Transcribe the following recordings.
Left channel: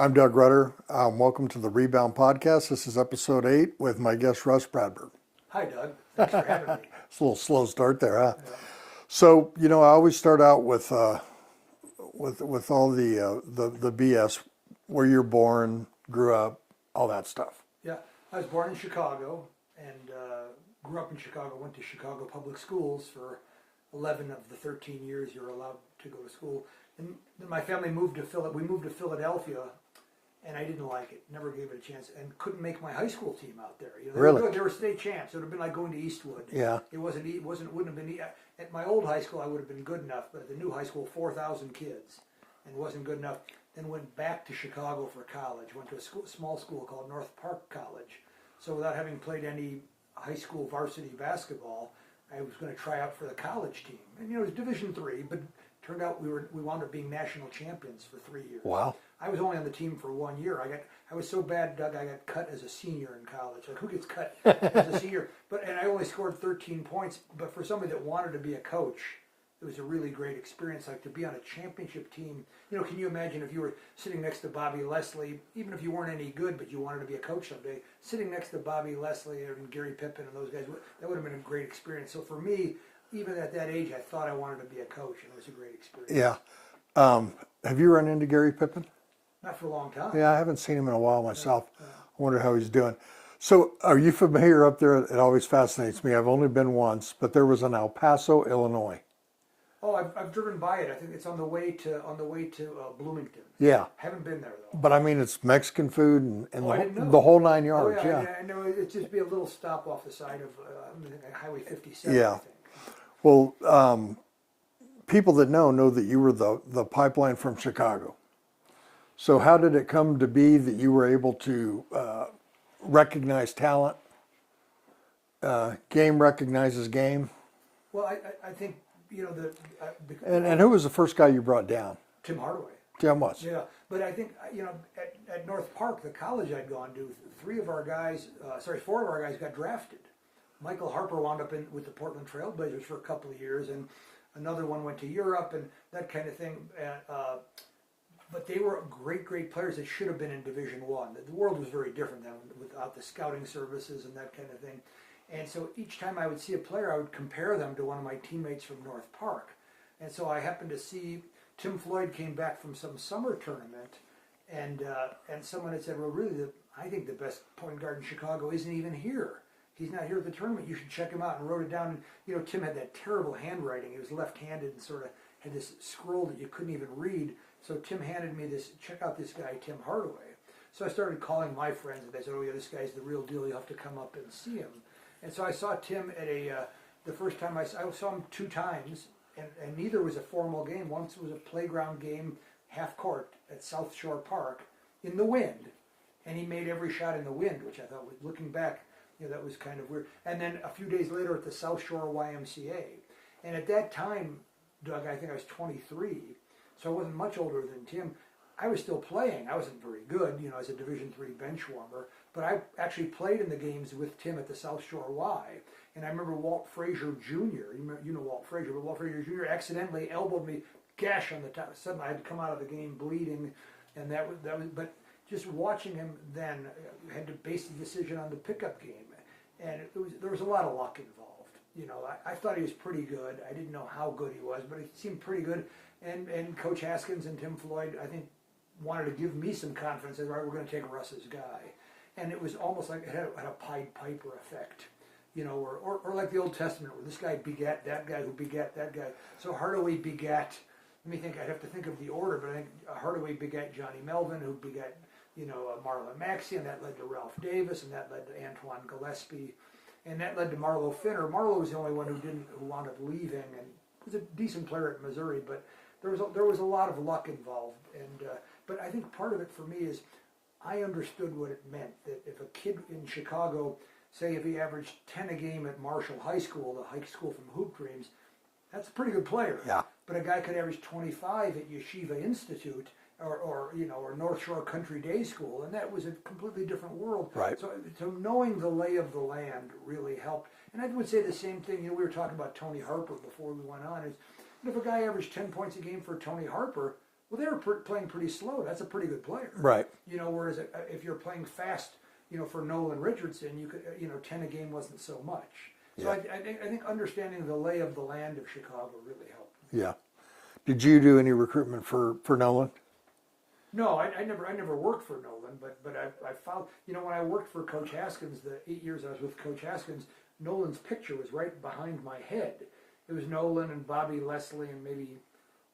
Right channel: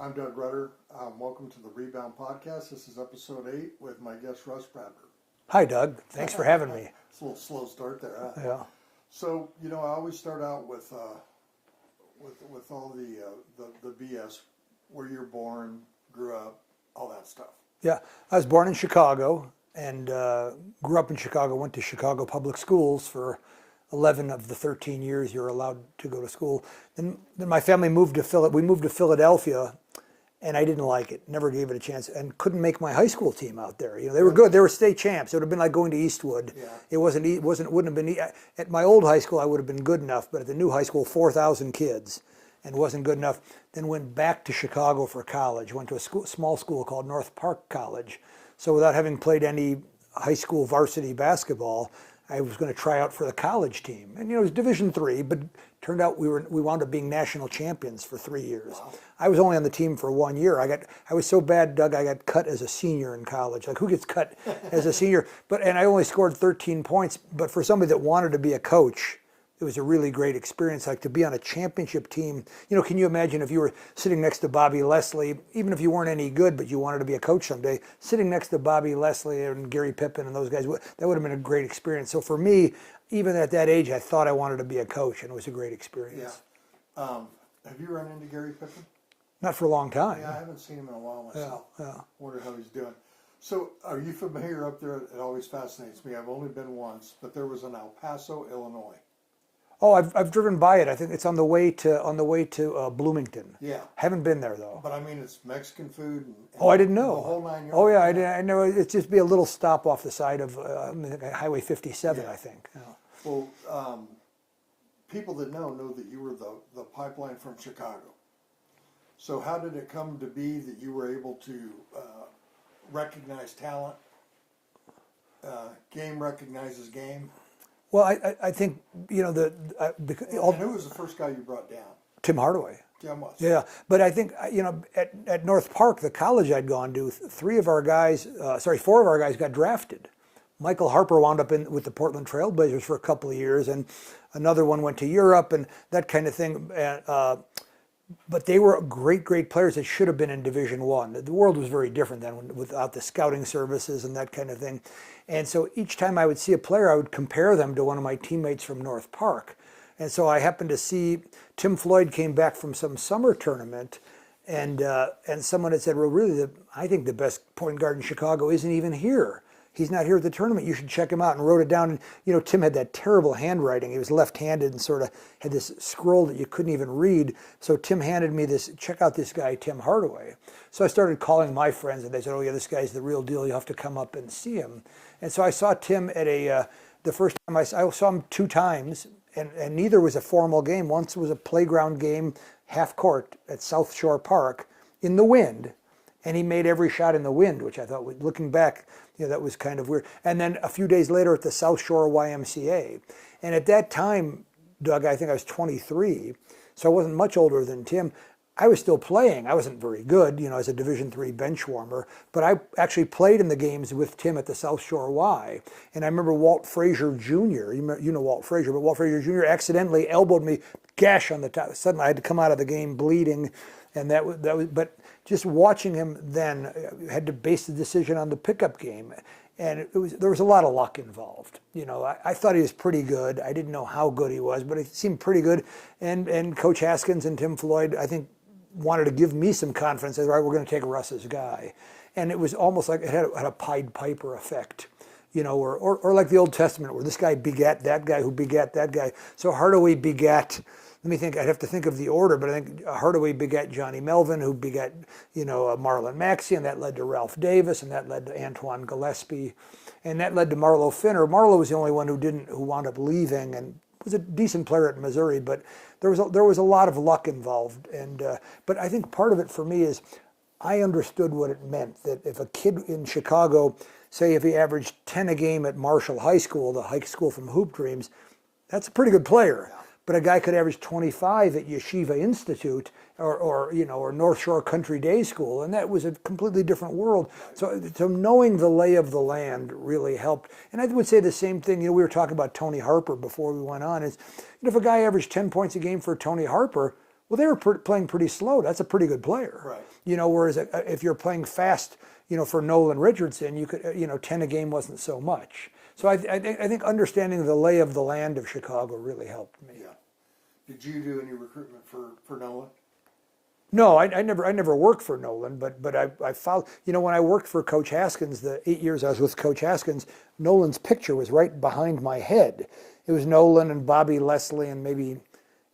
I'm Doug Rutter. Welcome to the Rebound podcast. This is episode 8 with my guest Rus Bradburd. Hi, Doug. Thanks for having me. It's a little slow start there, huh? Yeah. So, I always start out with all the BS, where you're born, grew up, all that stuff. Yeah. I was born in Chicago and grew up in Chicago, went to Chicago public schools for 11 of the 13 years you're allowed to go to school. Then my family moved to Philadelphia, and I didn't like it. Never gave it a chance, and couldn't make my high school team out there. They were good. They were state champs. It would have been like going to Eastwood. Yeah. It wouldn't have been at my old high school. I would have been good enough, but at the new high school, 4,000 kids, and wasn't good enough. Then went back to Chicago for college. Went to a small school called North Park College. So without having played any high school varsity basketball, I was going to try out for the college team, and it was Division III, but turned out we wound up being national champions for 3 years. Wow! I was only on the team for 1 year. I was so bad, Doug. I got cut as a senior in college. Like, who gets cut as a senior? And I only scored 13 points. But for somebody that wanted to be a coach, it was a really great experience. Like, to be on a championship team. Can you imagine if you were sitting next to Bobby Leslie, even if you weren't any good, but you wanted to be a coach someday, sitting next to Bobby Leslie and Gary Pippen and those guys, that would have been a great experience. So for me, even at that age, I thought I wanted to be a coach, and it was a great experience. Yeah. Have you run into Gary Pippen? Not for a long time. Yeah, I haven't seen him in a while myself. Yeah. I wonder how he's doing. So are you familiar up there? It always fascinates me. I've only been once, but there was an El Paso, Illinois. Oh, I've driven by it. I think it's on the way to Bloomington. Yeah. Haven't been there though. But I mean, it's Mexican food and I didn't know the whole 9 yards. Oh yeah, I know. It's just be a little stop off the side of Highway 57. Yeah. I think. Well, people that know that you were the pipeline from Chicago. So how did it come to be that you were able to recognize talent? Game recognizes game. Well, I think And who was the first guy you brought down? Tim Hardaway. Tim was. Yeah, but I think at North Park, the college I'd gone to, 4 of our guys got drafted. Michael Harper wound up with the Portland Trailblazers for a couple of years, and another one went to Europe and that kind of thing. But they were great players that should have been in Division I. The world was very different then without the scouting services and that kind of thing. And so each time I would see a player, I would compare them to one of my teammates from North Park. And so I happened to see Tim Floyd came back from some summer tournament, and someone had said, well, really, I think the best point guard in Chicago isn't even here. He's not here at the tournament. You should check him out, and wrote it down. And Tim had that terrible handwriting. He was left-handed and sort of had this scroll that you couldn't even read. So Tim handed me this, check out this guy, Tim Hardaway. So I started calling my friends, and they said, oh yeah, this guy's the real deal. You have to come up and see him. And so I saw Tim at the first time I saw him 2 times, and neither was a formal game. Once was a playground game, half court at South Shore Park in the wind, and he made every shot in the wind, which I thought, looking back, that was kind of weird. And then a few days later at the South Shore YMCA, and at that time, Doug, I think I was 23, so I wasn't much older than Tim. I was still playing. I wasn't very good, as a Division III bench warmer, but I actually played in the games with Tim at the South Shore Y. And I remember Walt Frazier Jr., you know Walt Frazier, but Walt Frazier Jr. accidentally elbowed me, gash on the top. Suddenly I had to come out of the game bleeding, and that was. But just watching him then, I had to base the decision on the pickup game, and there was a lot of luck involved. I thought he was pretty good. I didn't know how good he was, but he seemed pretty good. And Coach Haskins and Tim Floyd, I think, wanted to give me some confidence. They said, all right, we're going to take Russ's guy. And it was almost like it had a Pied Piper effect, or like the Old Testament, where this guy begat that guy who begat that guy. So Hardaway begat, let me think, I'd have to think of the order, but I think Hardaway begat Johnny Melvin, who begat, Marlon Maxey, and that led to Ralph Davis, and that led to Antoine Gillespie, and that led to Marlo Finner. Marlo was the only one who wound up leaving, and was a decent player at Missouri, but there was a lot of luck involved, but I think part of it for me is I understood what it meant, that if a kid in Chicago, say if he averaged 10 a game at Marshall High School, the high school from Hoop Dreams, that's a pretty good player. Yeah. But a guy could average 25 at Yeshiva Institute or North Shore Country Day School, and that was a completely different world. Right. So knowing the lay of the land really helped. And I would say the same thing. We were talking about Tony Harper before we went on. Is if a guy averaged 10 points a game for Tony Harper, Well, they were playing pretty slow. That's a pretty good player. Right. Whereas if you're playing fast, for Nolan Richardson, you could, 10 a game wasn't so much. So I think understanding the lay of the land of Chicago really helped me. Yeah. Did you do any recruitment for Nolan? No, I never worked for Nolan, but I followed. When I worked for Coach Haskins, the 8 years I was with Coach Haskins, Nolan's picture was right behind my head. It was Nolan and Bobby Leslie and maybe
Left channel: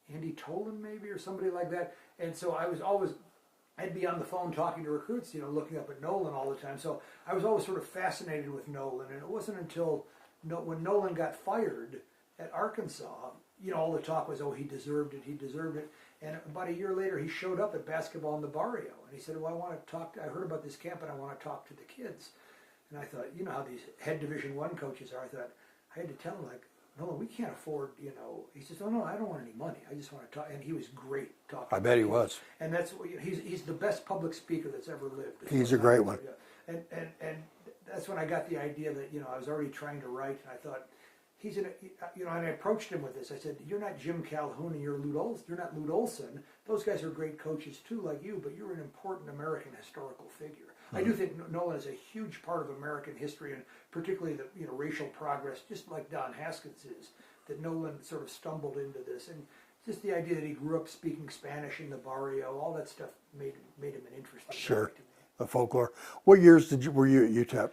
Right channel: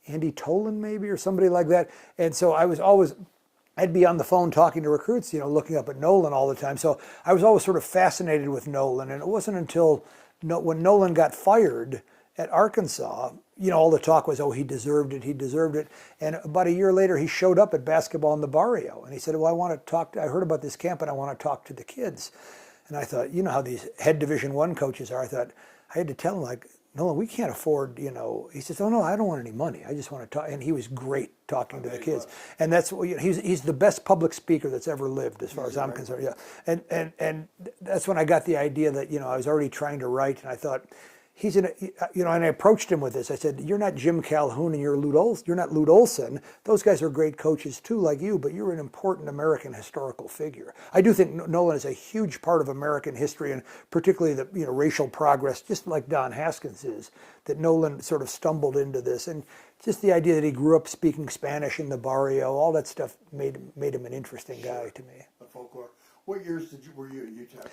Andy Tolan maybe or somebody like that. And so I'd be on the phone talking to recruits, looking up at Nolan all the time. So I was always sort of fascinated with Nolan. And it wasn't until when Nolan got fired at Arkansas, all the talk was, oh, he deserved it. And about a year later, he showed up at basketball in the barrio. And he said, well, I heard about this camp and I want to talk to the kids. And I thought, how these head Division I coaches are. I thought, I had to tell him, like, Nolan, we can't afford, He says, oh, no, I don't want any money. I just want to talk. And he was great talking to the kids. I bet he was. And that's, he's the best public speaker that's ever lived, as far as I'm concerned. Yeah. And that's when I got the idea that, I was already trying to write. And I thought, and I approached him with this. I said, you're not Jim Calhoun and you're not Lute Olson. Those guys are great coaches too, like you, but you're an important American historical figure. I do think Nolan is a huge part of American history, and particularly the racial progress, just like Don Haskins is, that Nolan sort of stumbled into this. And just the idea that he grew up speaking Spanish in the barrio, all that stuff made him an interesting guy to me. The folklore. What years were you at UTEP?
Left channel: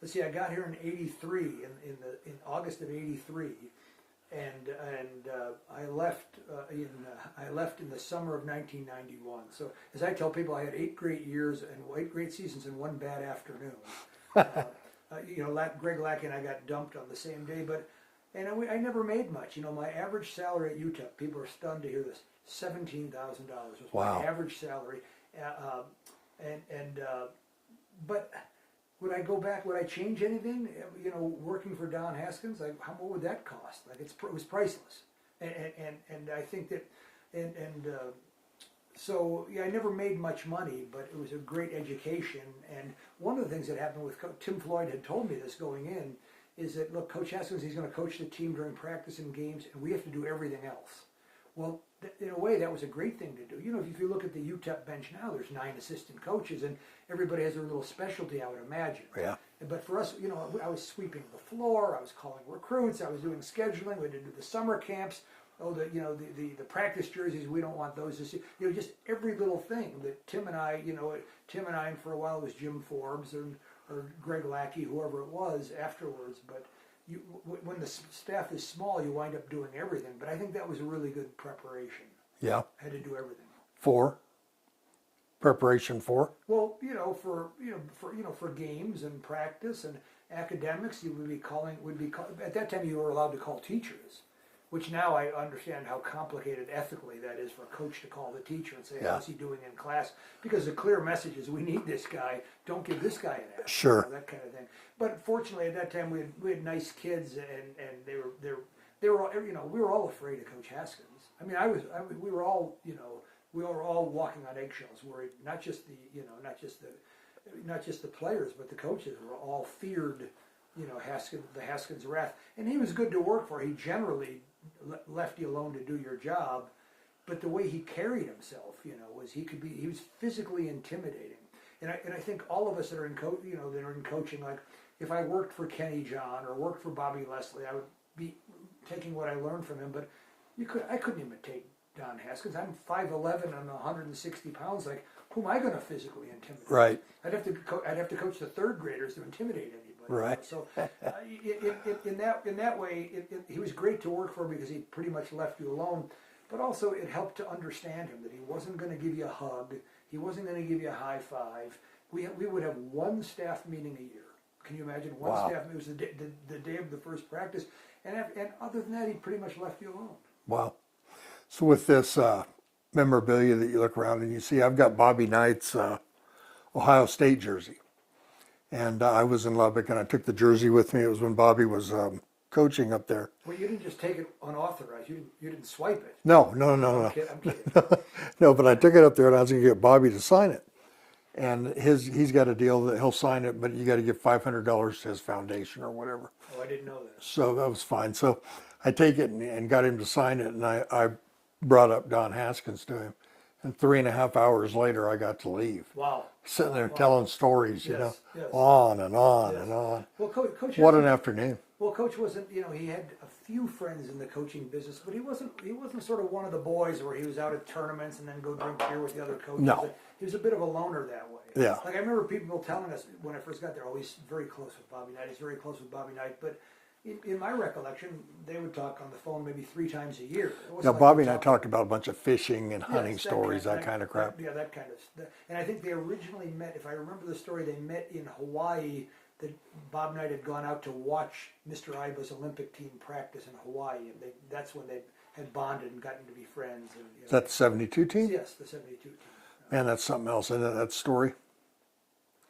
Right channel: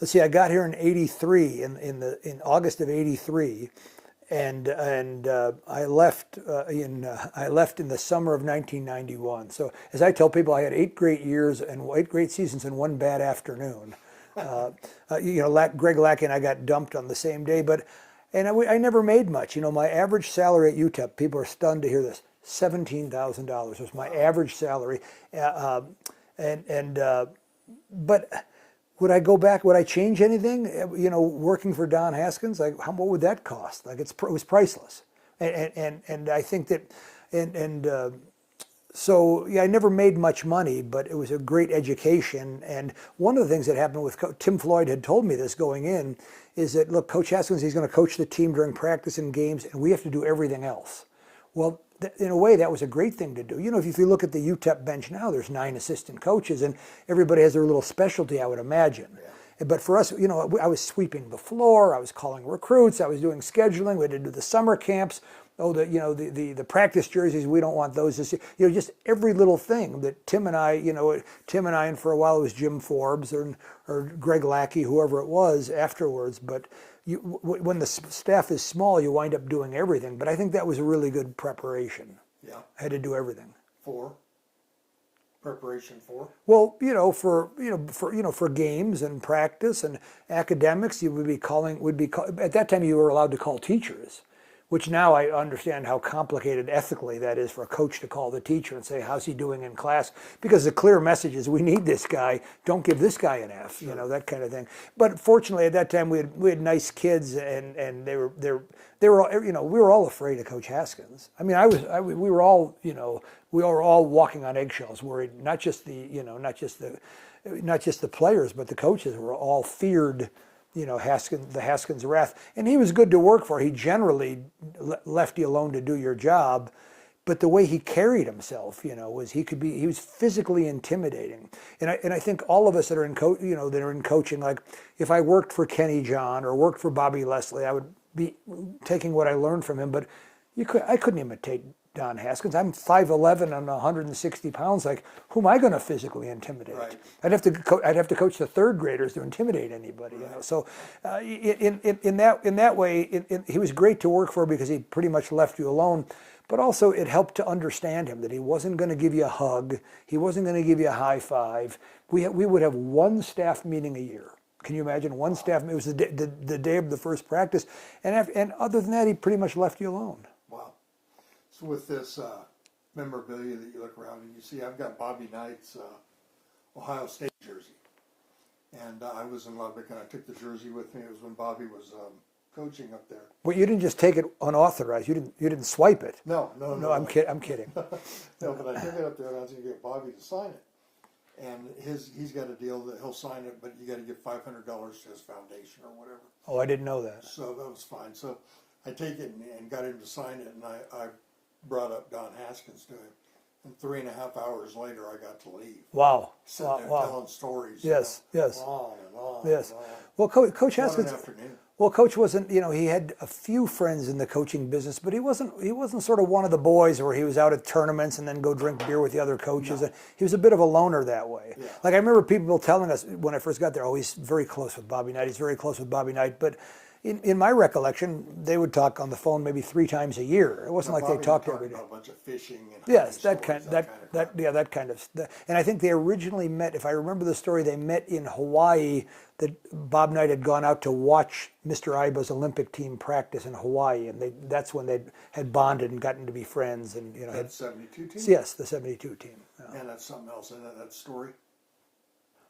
Let's see, I got here in '83, in August of '83, and I left in the summer of 1991. So as I tell people, I had 8 great years and 8 great seasons and 1 bad afternoon. Greg Lackey and I got dumped on the same day, I never made much. My average salary at UTEP, people are stunned to hear this, $17,000 was my average salary, but. Would I go back? Would I change anything? Working for Don Haskins, what would that cost? It was priceless. And I think that, so I never made much money, but it was a great education. And one of the things that happened with Tim Floyd had told me this going in is that, look, Coach Haskins, he's going to coach the team during practice and games, and we have to do everything else. Well, in a way, that was a great thing to do. If you look at the UTEP bench now, there's 9 assistant coaches, and everybody has their little specialty, I would imagine. Yeah. But for us, I was sweeping the floor, I was calling recruits, I was doing scheduling, we had to do the summer camps. Oh, the practice jerseys, we don't want those this year. Just every little thing that Tim and I, and for a while it was Jim Forbes or Greg Lackey, whoever it was afterwards. But when the staff is small, you wind up doing everything. But I think that was a really good preparation. Yeah, I had to do everything. Preparation for? Well, for games and practice and academics, you would be at that time you were allowed to call teachers, which now I understand how complicated ethically that is for a coach to call the teacher and say, how's he doing in class? Because the clear message is, we need this guy, don't give this guy an F. Sure. That kind of thing. But fortunately at that time we had nice kids, and they were all, we were all afraid of Coach Haskins. I mean, we were all, we were all walking on eggshells, worried, not just the players, but the coaches were all feared, the Haskins wrath. And he was good to work for. He generally left you alone to do your job, but the way he carried himself, was he was physically intimidating. And I think all of us that are in coaching, like if I worked for Kenny John or worked for Bobby Leslie, I would be taking what I learned from him, but I couldn't imitate Don Haskins. I'm 5'11" and 160 pounds. Like, who am I going to physically intimidate? Right. I'd have to coach the 3rd graders to intimidate anybody. Right. So, in that way, he was great to work for because he pretty much left you alone. But also, it helped to understand him, that he wasn't going to give you a hug, he wasn't going to give you a high five. We would have 1 staff meeting a year. Can you imagine? One staff? It was the day of the first practice, and other than that, he pretty much left you alone. Wow. So with this memorabilia that you look around and you see, I've got Bobby Knight's Ohio State jersey. And I was in Lubbock and I took the jersey with me. It was when Bobby was coaching up there. Well, you didn't just take it unauthorized. You didn't swipe it. No. I'm kidding. No, but I took it up there and I was going to get Bobby to sign it. And he's got a deal that he'll sign it, but you got to give $500 to his foundation or whatever. Oh, I didn't know that. So that was fine. So I take it and got him to sign it, and I brought up Don Haskins to him. And 3.5 hours later, I got to leave. Wow. Sitting there Wow. telling stories, Yes, yes. on and on Yes. and on. Well, Coach has What an some- afternoon. Well, Coach wasn't, he had a few friends in the coaching business, but he wasn't sort of one of the boys where he was out at tournaments and then go drink beer with the other coaches. No. He was a bit of a loner that way. Yeah. Like I remember people telling us when I first got there, oh, he's very close with Bobby Knight. He's very close with Bobby Knight. But in my recollection, they would talk on the phone maybe 3 times a year. It wasn't Now, like Bobby they and I talked talked every- about a bunch of fishing and hunting stories, that kind of crap. that kind of stuff. And I think they originally met, if I remember the story, they met in Hawaii, that Bob Knight had gone out to watch Mr. Iba's Olympic team practice in Hawaii, and that's when they had bonded and gotten to be friends. And Is that the 72 team? yes, the 72 team. Man, that's something else, isn't it, that story?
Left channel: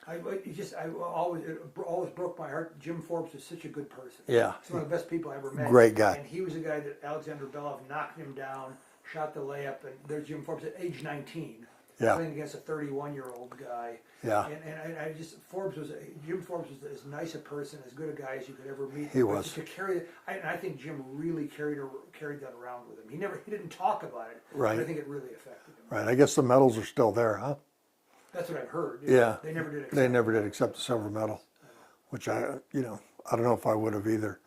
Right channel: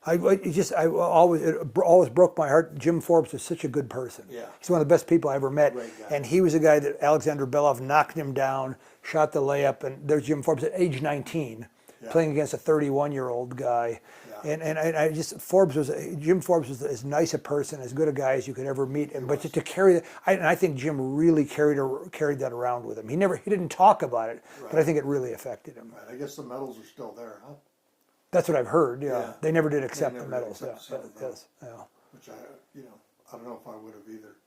I always, it always broke my heart. Jim Forbes was such a good person. Yeah. He's one of the best people I ever met. Great guy. And he was a guy that Alexander Belov knocked him down, shot the layup, and there's Jim Forbes at age 19, Yeah. playing against a 31-year-old guy. Yeah. And I just, Jim Forbes was as nice a person, as good a guy as you could ever meet. But was. to carry that, and I think Jim really carried that around with him. He didn't talk about it, Right. but I think it really affected him. Right, I guess the medals are still there, huh? That's what I've heard. Yeah. They never did accept They never the did medals, accept the yeah. silver medal, Yeah. which I don't know if I would have either.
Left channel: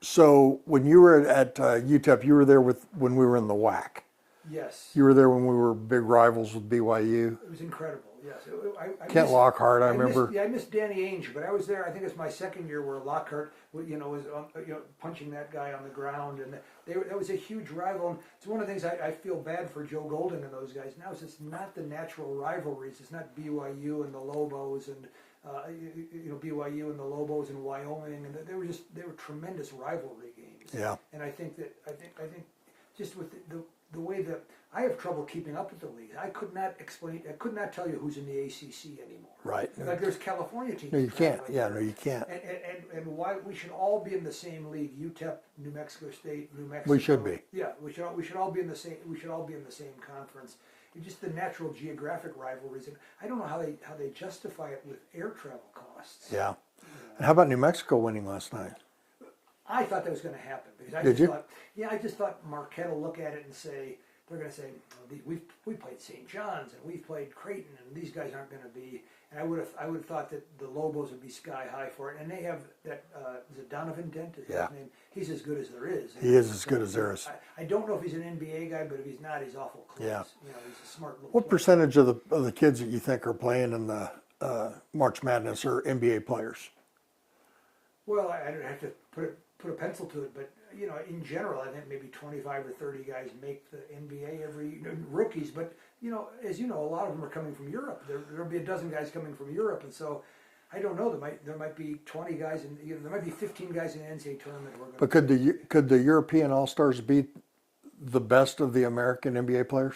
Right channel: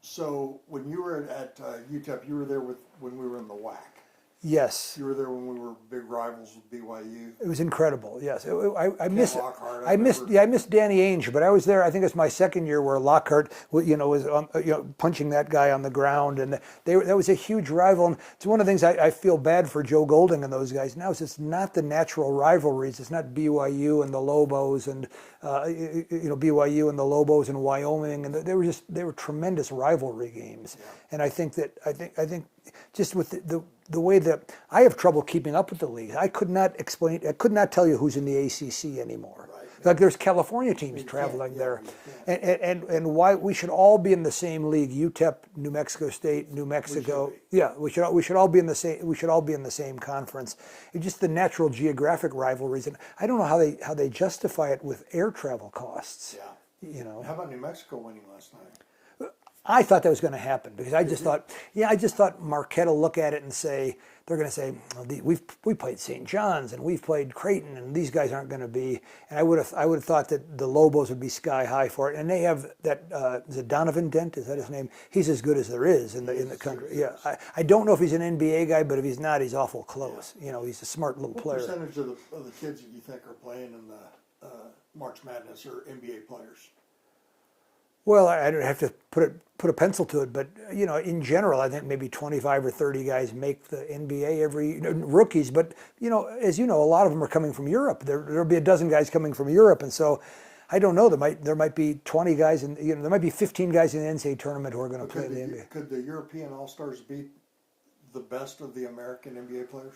So when you were at UTEP, you were there when we were in the WAC. Yes. You were there when we were big rivals with BYU. It was incredible. Yes, I Kent missed Lockhart, I remember. I missed Danny Ainge, but I was there. I think it was my second year where Lockhart, was punching that guy on the ground, and that was a huge rival. And it's one of the things I feel bad for Joe Golding and those guys. Now it's not the natural rivalries. It's not BYU and the Lobos and BYU and the Lobos in Wyoming, and they were tremendous rivalry games. Yeah. And I think just with the way that I have trouble keeping up with the leagues. I could not tell you who's in the ACC anymore. Right. Like there's California teams You traveling can't. Yeah, there. no, you can't. And why we should all be in the same league. UTEP, New Mexico State, New Mexico. We should be. Yeah, we should all be in the same. We should all be in the same conference. It's just the natural geographic rivalries, and I don't know how they justify it with air travel costs. Yeah. And how about New Mexico winning last night? I thought that was going to happen because I Did just thought Marquette will look at it and say, they're going to say, we played St. John's and we've played Creighton and these guys aren't going to be. And I would have thought that the Lobos would be sky high for it. And they have that, is it Donovan Dent? Is that his name? He's as good as there is. He is as good as there is. I don't know if he's an NBA guy, but if he's not, he's awful close. Yeah. He's a smart little What player. percentage of the kids that you think are playing in the March Madness are NBA players? Well, I don't have to put a pencil to it, but in general, I think maybe 25 or 30 guys make the NBA every rookies. But as you know, a lot of them are coming from Europe. There'll be a dozen guys coming from Europe, and so I don't know. There might be 20 guys, and there might be 15 guys in the NCAA tournament who are going to. But could the European All Stars beat the best of the American NBA players?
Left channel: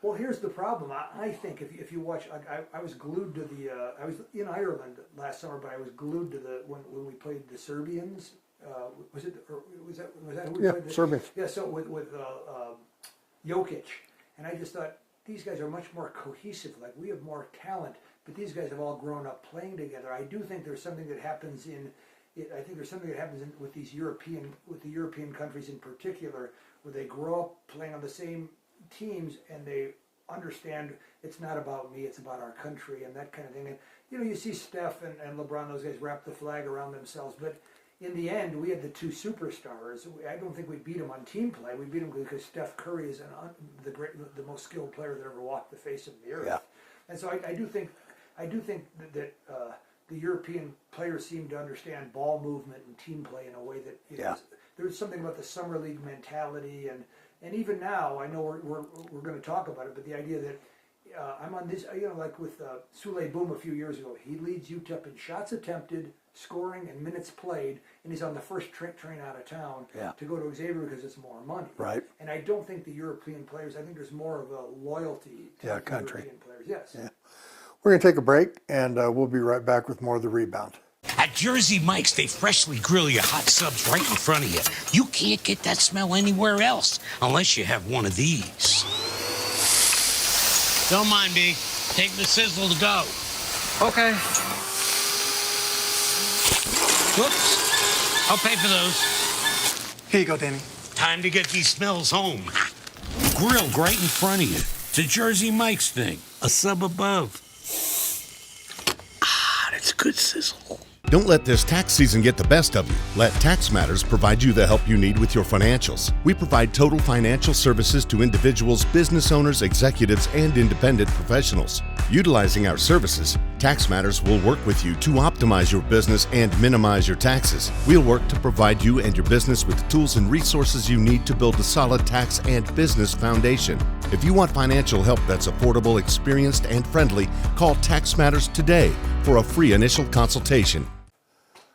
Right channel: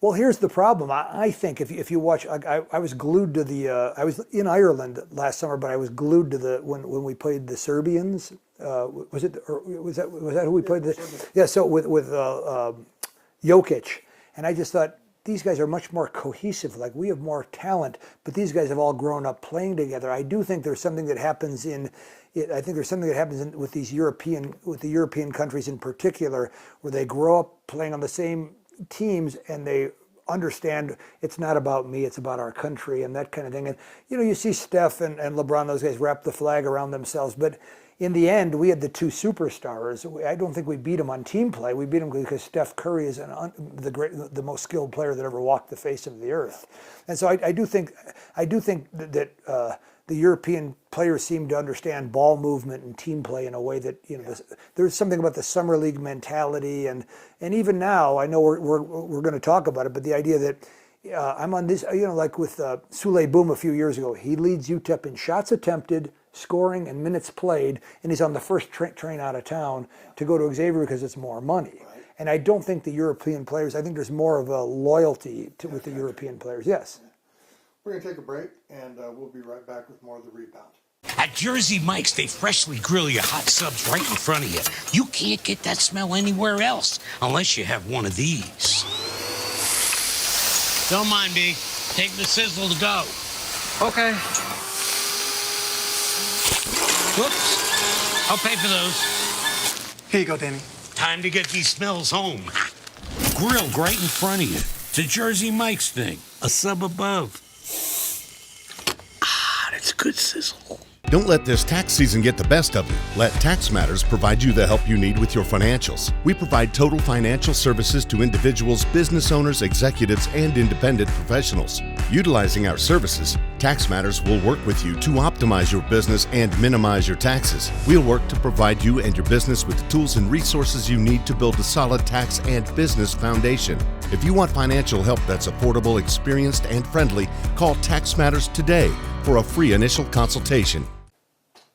Well, here's the problem. I think if you watch, I was glued to the. I was in Ireland last summer, but I was glued to the when we played the Serbians. Was that who we played? Serbians. Yeah. So with Jokic, and I just thought these guys are much more cohesive. Like we have more talent, but these guys have all grown up playing together. I do think there's something that happens with the European countries in particular, where they grow up playing on the same teams and they understand it's not about me, it's about our country and that kind of thing. And you see Steph and LeBron, those guys wrap the flag around themselves, but in the end we had the two superstars. I don't think we beat them on team play. We beat them because Steph Curry is the most skilled player that ever walked the face of the earth. Yeah. And so I do think that the European players seem to understand ball movement and team play in a way that there's something about the summer league mentality, and even now I know we're going to talk about it, but the idea that I'm on this, like with Sule Boom a few years ago, he leads UTEP in shots attempted, scoring, and minutes played, and he's on the first train out of town to go to Xavier because it's more money. Right. And I don't think the European players. I think there's more of a loyalty to the European players. Yes. Yeah. We're going to take a break, and we'll be right back with more of the Rebound. At Jersey Mike's, they freshly grill you hot subs right in front of you. You can't get that smell anywhere else unless you have one of these. Don't mind me. Take the sizzle to go. Okay. Whoops. I'll pay for those. Here you go, Danny. Time to get these smells home. grilled right in front of you. It's a Jersey Mike's thing, a sub above. Ah, that's good sizzle. Don't let this tax season get the best of you. Let Tax Matters provide you the help you need with your financials. We provide total financial services to individuals, business owners, executives, and independent professionals. Utilizing our services, Tax Matters will work with you to optimize your business and minimize your taxes. We'll work to provide you and your business with the tools and resources you need to build a solid tax and business foundation. If you want financial help that's affordable, experienced, and friendly, call Tax Matters today for a free initial consultation.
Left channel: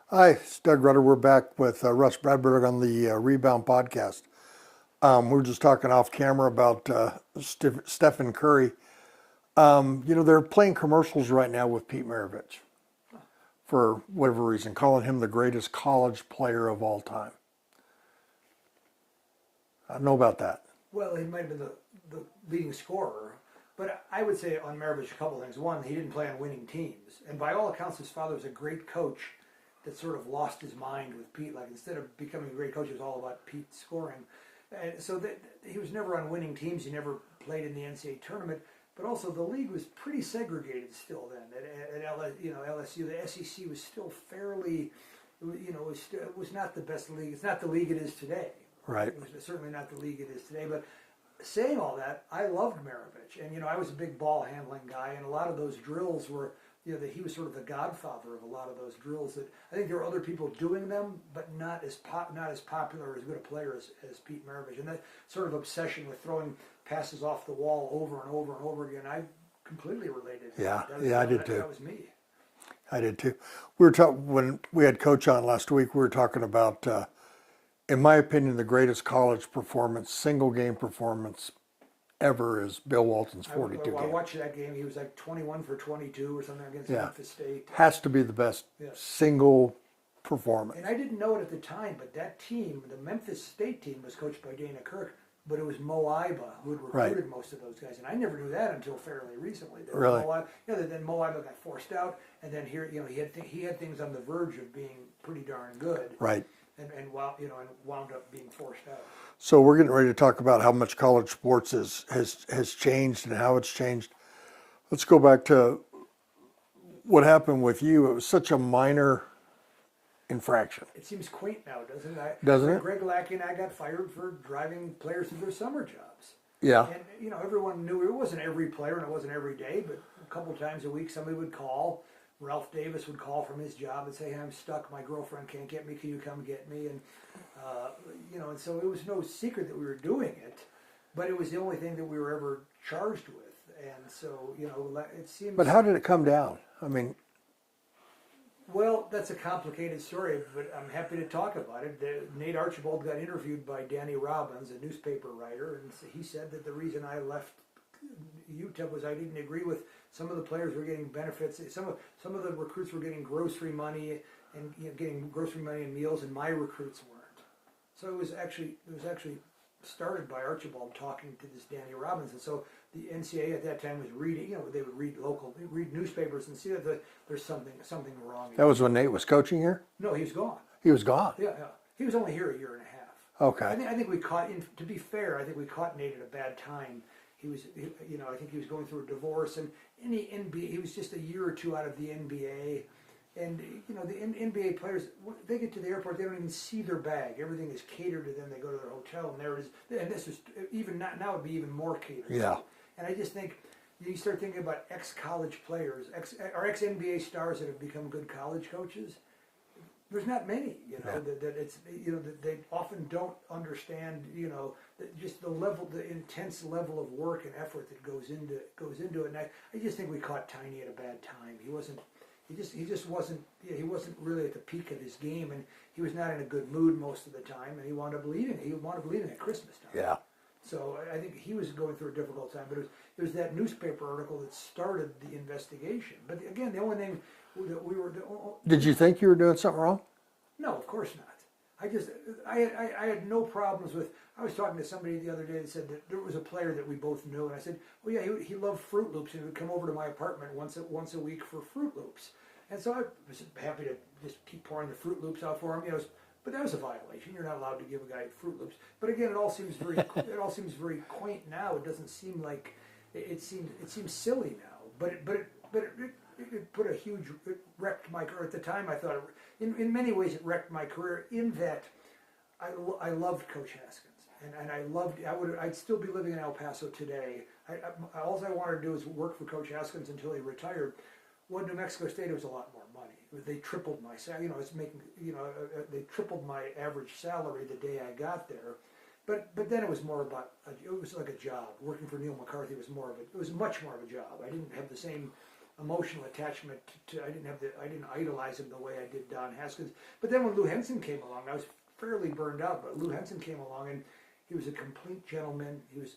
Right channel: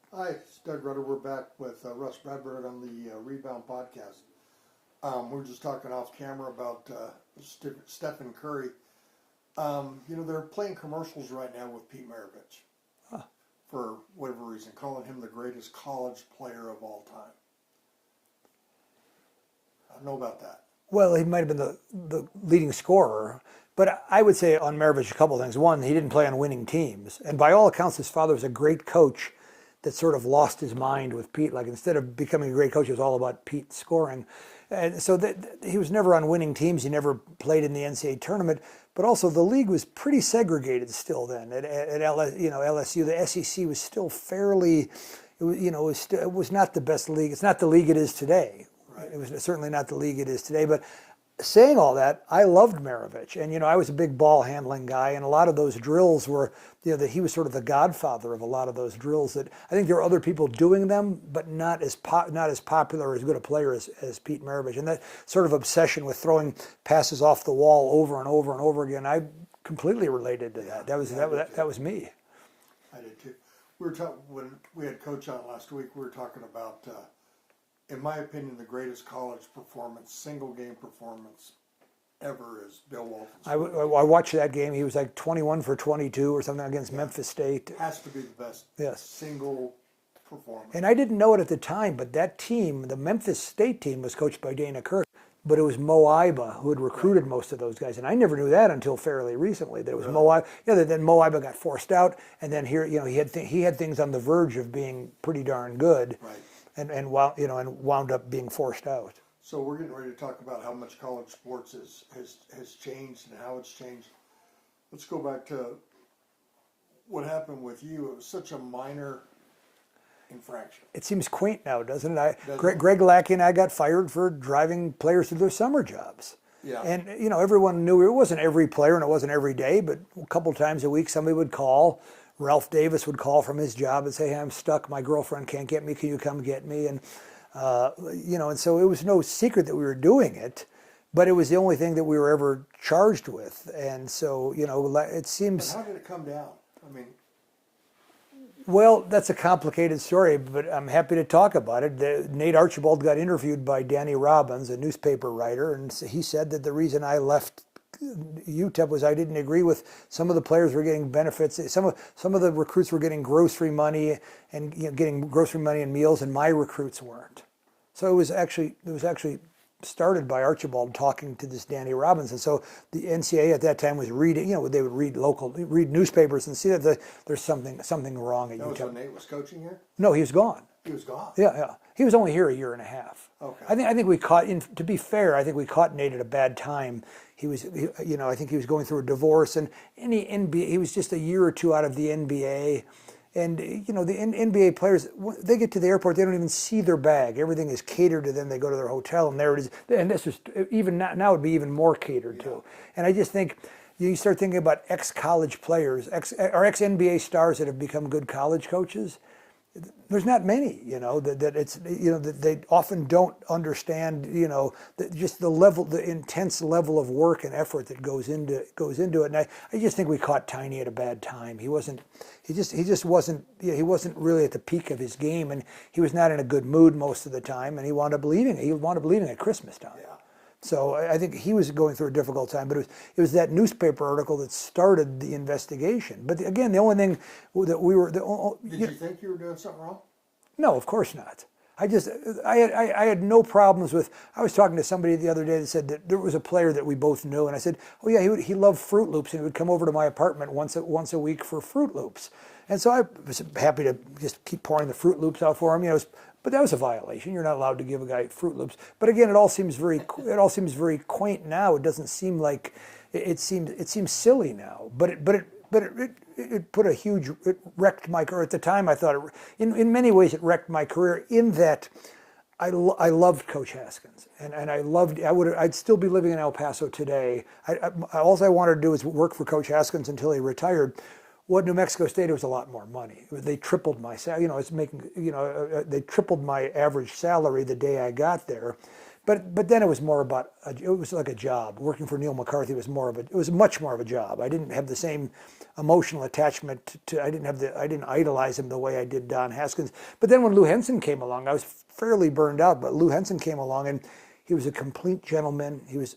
Hi, it's Doug Rutter. We're back with Rus Bradburd on the Rebound podcast. We were just talking off camera about Stephen Curry. They're playing commercials right now with Pete Maravich for whatever reason, calling him the greatest college player of all time. I don't know about that. Well, he might have been the leading scorer, but I would say on Maravich a couple of things. One, he didn't play on winning teams, and by all accounts, his father was a great coach that sort of lost his mind with Pete. Like, instead of becoming a great coach, it was all about Pete scoring. And so he was never on winning teams. He never played in the NCAA tournament. But also the league was pretty segregated still then. At LSU, the SEC was still fairly, it was not the best league. It's not the league it is today. Right. It was certainly not the league it is today. But saying all that, I loved Maravich. And, I was a big ball handling guy. And a lot of those drills were, that he was sort of the godfather of a lot of those drills. That I think there were other people doing them, but not as popular or as good a player as Pete Maravich. And that sort of obsession with throwing passes off the wall over and over and over again, I completely related to that. That was me. I did too. We were talking when we had Coach on last week. We were talking about, in my opinion, the greatest college performance, single game performance ever is Bill Walton's 42. I watched that game. He was like 21 for 22 or something against Memphis State. Has to be the best single performance. And I didn't know it at the time, but that team, the Memphis State team, was coached by Dana Kirk, but it was Mo Iba who had recruited most of those guys. And I never knew that until fairly recently. There was Mo Iba. Then Mo Iba got forced out, and then here, he had things on the verge of being pretty darn good. Right. And wound up being forced out. So we're getting ready to talk about how much college sports has changed and how it's changed. Let's go back to what happened with you. It was such a minor infraction. It seems quaint now, doesn't it? Doesn't it? Greg Lackey and I got fired for driving players to their summer jobs. Yeah. And, everyone knew it wasn't every player and it wasn't every day, but a couple times a week somebody would call. Ralph Davis would call from his job and say, "Hey, I'm stuck. My girlfriend can't get me. Can you come get me?" And and so it was no secret that we were doing it, but it was the only thing that we were ever charged with. And so, it seems. But how did it come down? I mean, well, that's a complicated story, but I'm happy to talk about it. Nate Archibald got interviewed by Danny Robbins, a newspaper writer, and he said that the reason I left UTEP was I didn't agree with some of the players were getting benefits. Some of the recruits were getting grocery money and getting grocery money and meals, and my recruits weren't. So it was actually started by Archibald talking to this Danny Robbins, and so the NCAA at that time was reading. They would read newspapers and see that there's something wrong. That was when Nate was coaching here? No, he was gone. He was gone. Yeah. He was only here a year and a half. Okay. I think we caught. To be fair, I think we caught Nate at a bad time. I think he was going through a divorce, and in the NBA, he was just a year or two out of the NBA. And, the NBA players, they get to the airport, they don't even see their bag. Everything is catered to them. They go to their hotel, and there it is. And this is, even now it would be even more catered to. And I just think, you start thinking about ex-college players, ex-NBA stars that have become good college coaches. There's not many, that they often don't understand, just the intense level of work and effort that goes into it. And I just think we caught Tiny at a bad time. He just wasn't really at the peak of his game, and he was not in a good mood most of the time, and he wound up leaving. He wound up leaving at Christmas time. Yeah. So I think he was going through a difficult time, but it was that newspaper article that started the investigation. But again, the only thing that we were... Did you think you were doing something wrong? No, of course not. I had no problems with... I was talking to somebody the other day that said that there was a player that we both knew, and I said, "Oh yeah, he loved Fruit Loops, and he would come over to my apartment once a week for Fruit Loops." And so I was happy to just keep pouring the Fruit Loops out for him. It was But that was a violation. You're not allowed to give a guy Fruit Loops. But again, it all seems very quaint now. It doesn't seem like it seems silly now. But it put a huge, it wrecked my career. At the time, I thought in many ways it wrecked my career in that I loved Coach Haskins, and I'd still be living in El Paso today. All I wanted to do was work for Coach Haskins until he retired. What New Mexico State, it was a lot more money. They tripled my salary. They tripled my average salary the day I got there. But then it was more about, it was like a job. Working for Neil McCarthy was much more of a job. I didn't have the same emotional attachment I didn't idolize him the way I did Don Haskins. But then when Lou Henson came along, I was fairly burned out, but Lou Henson came along and he was a complete gentleman. He was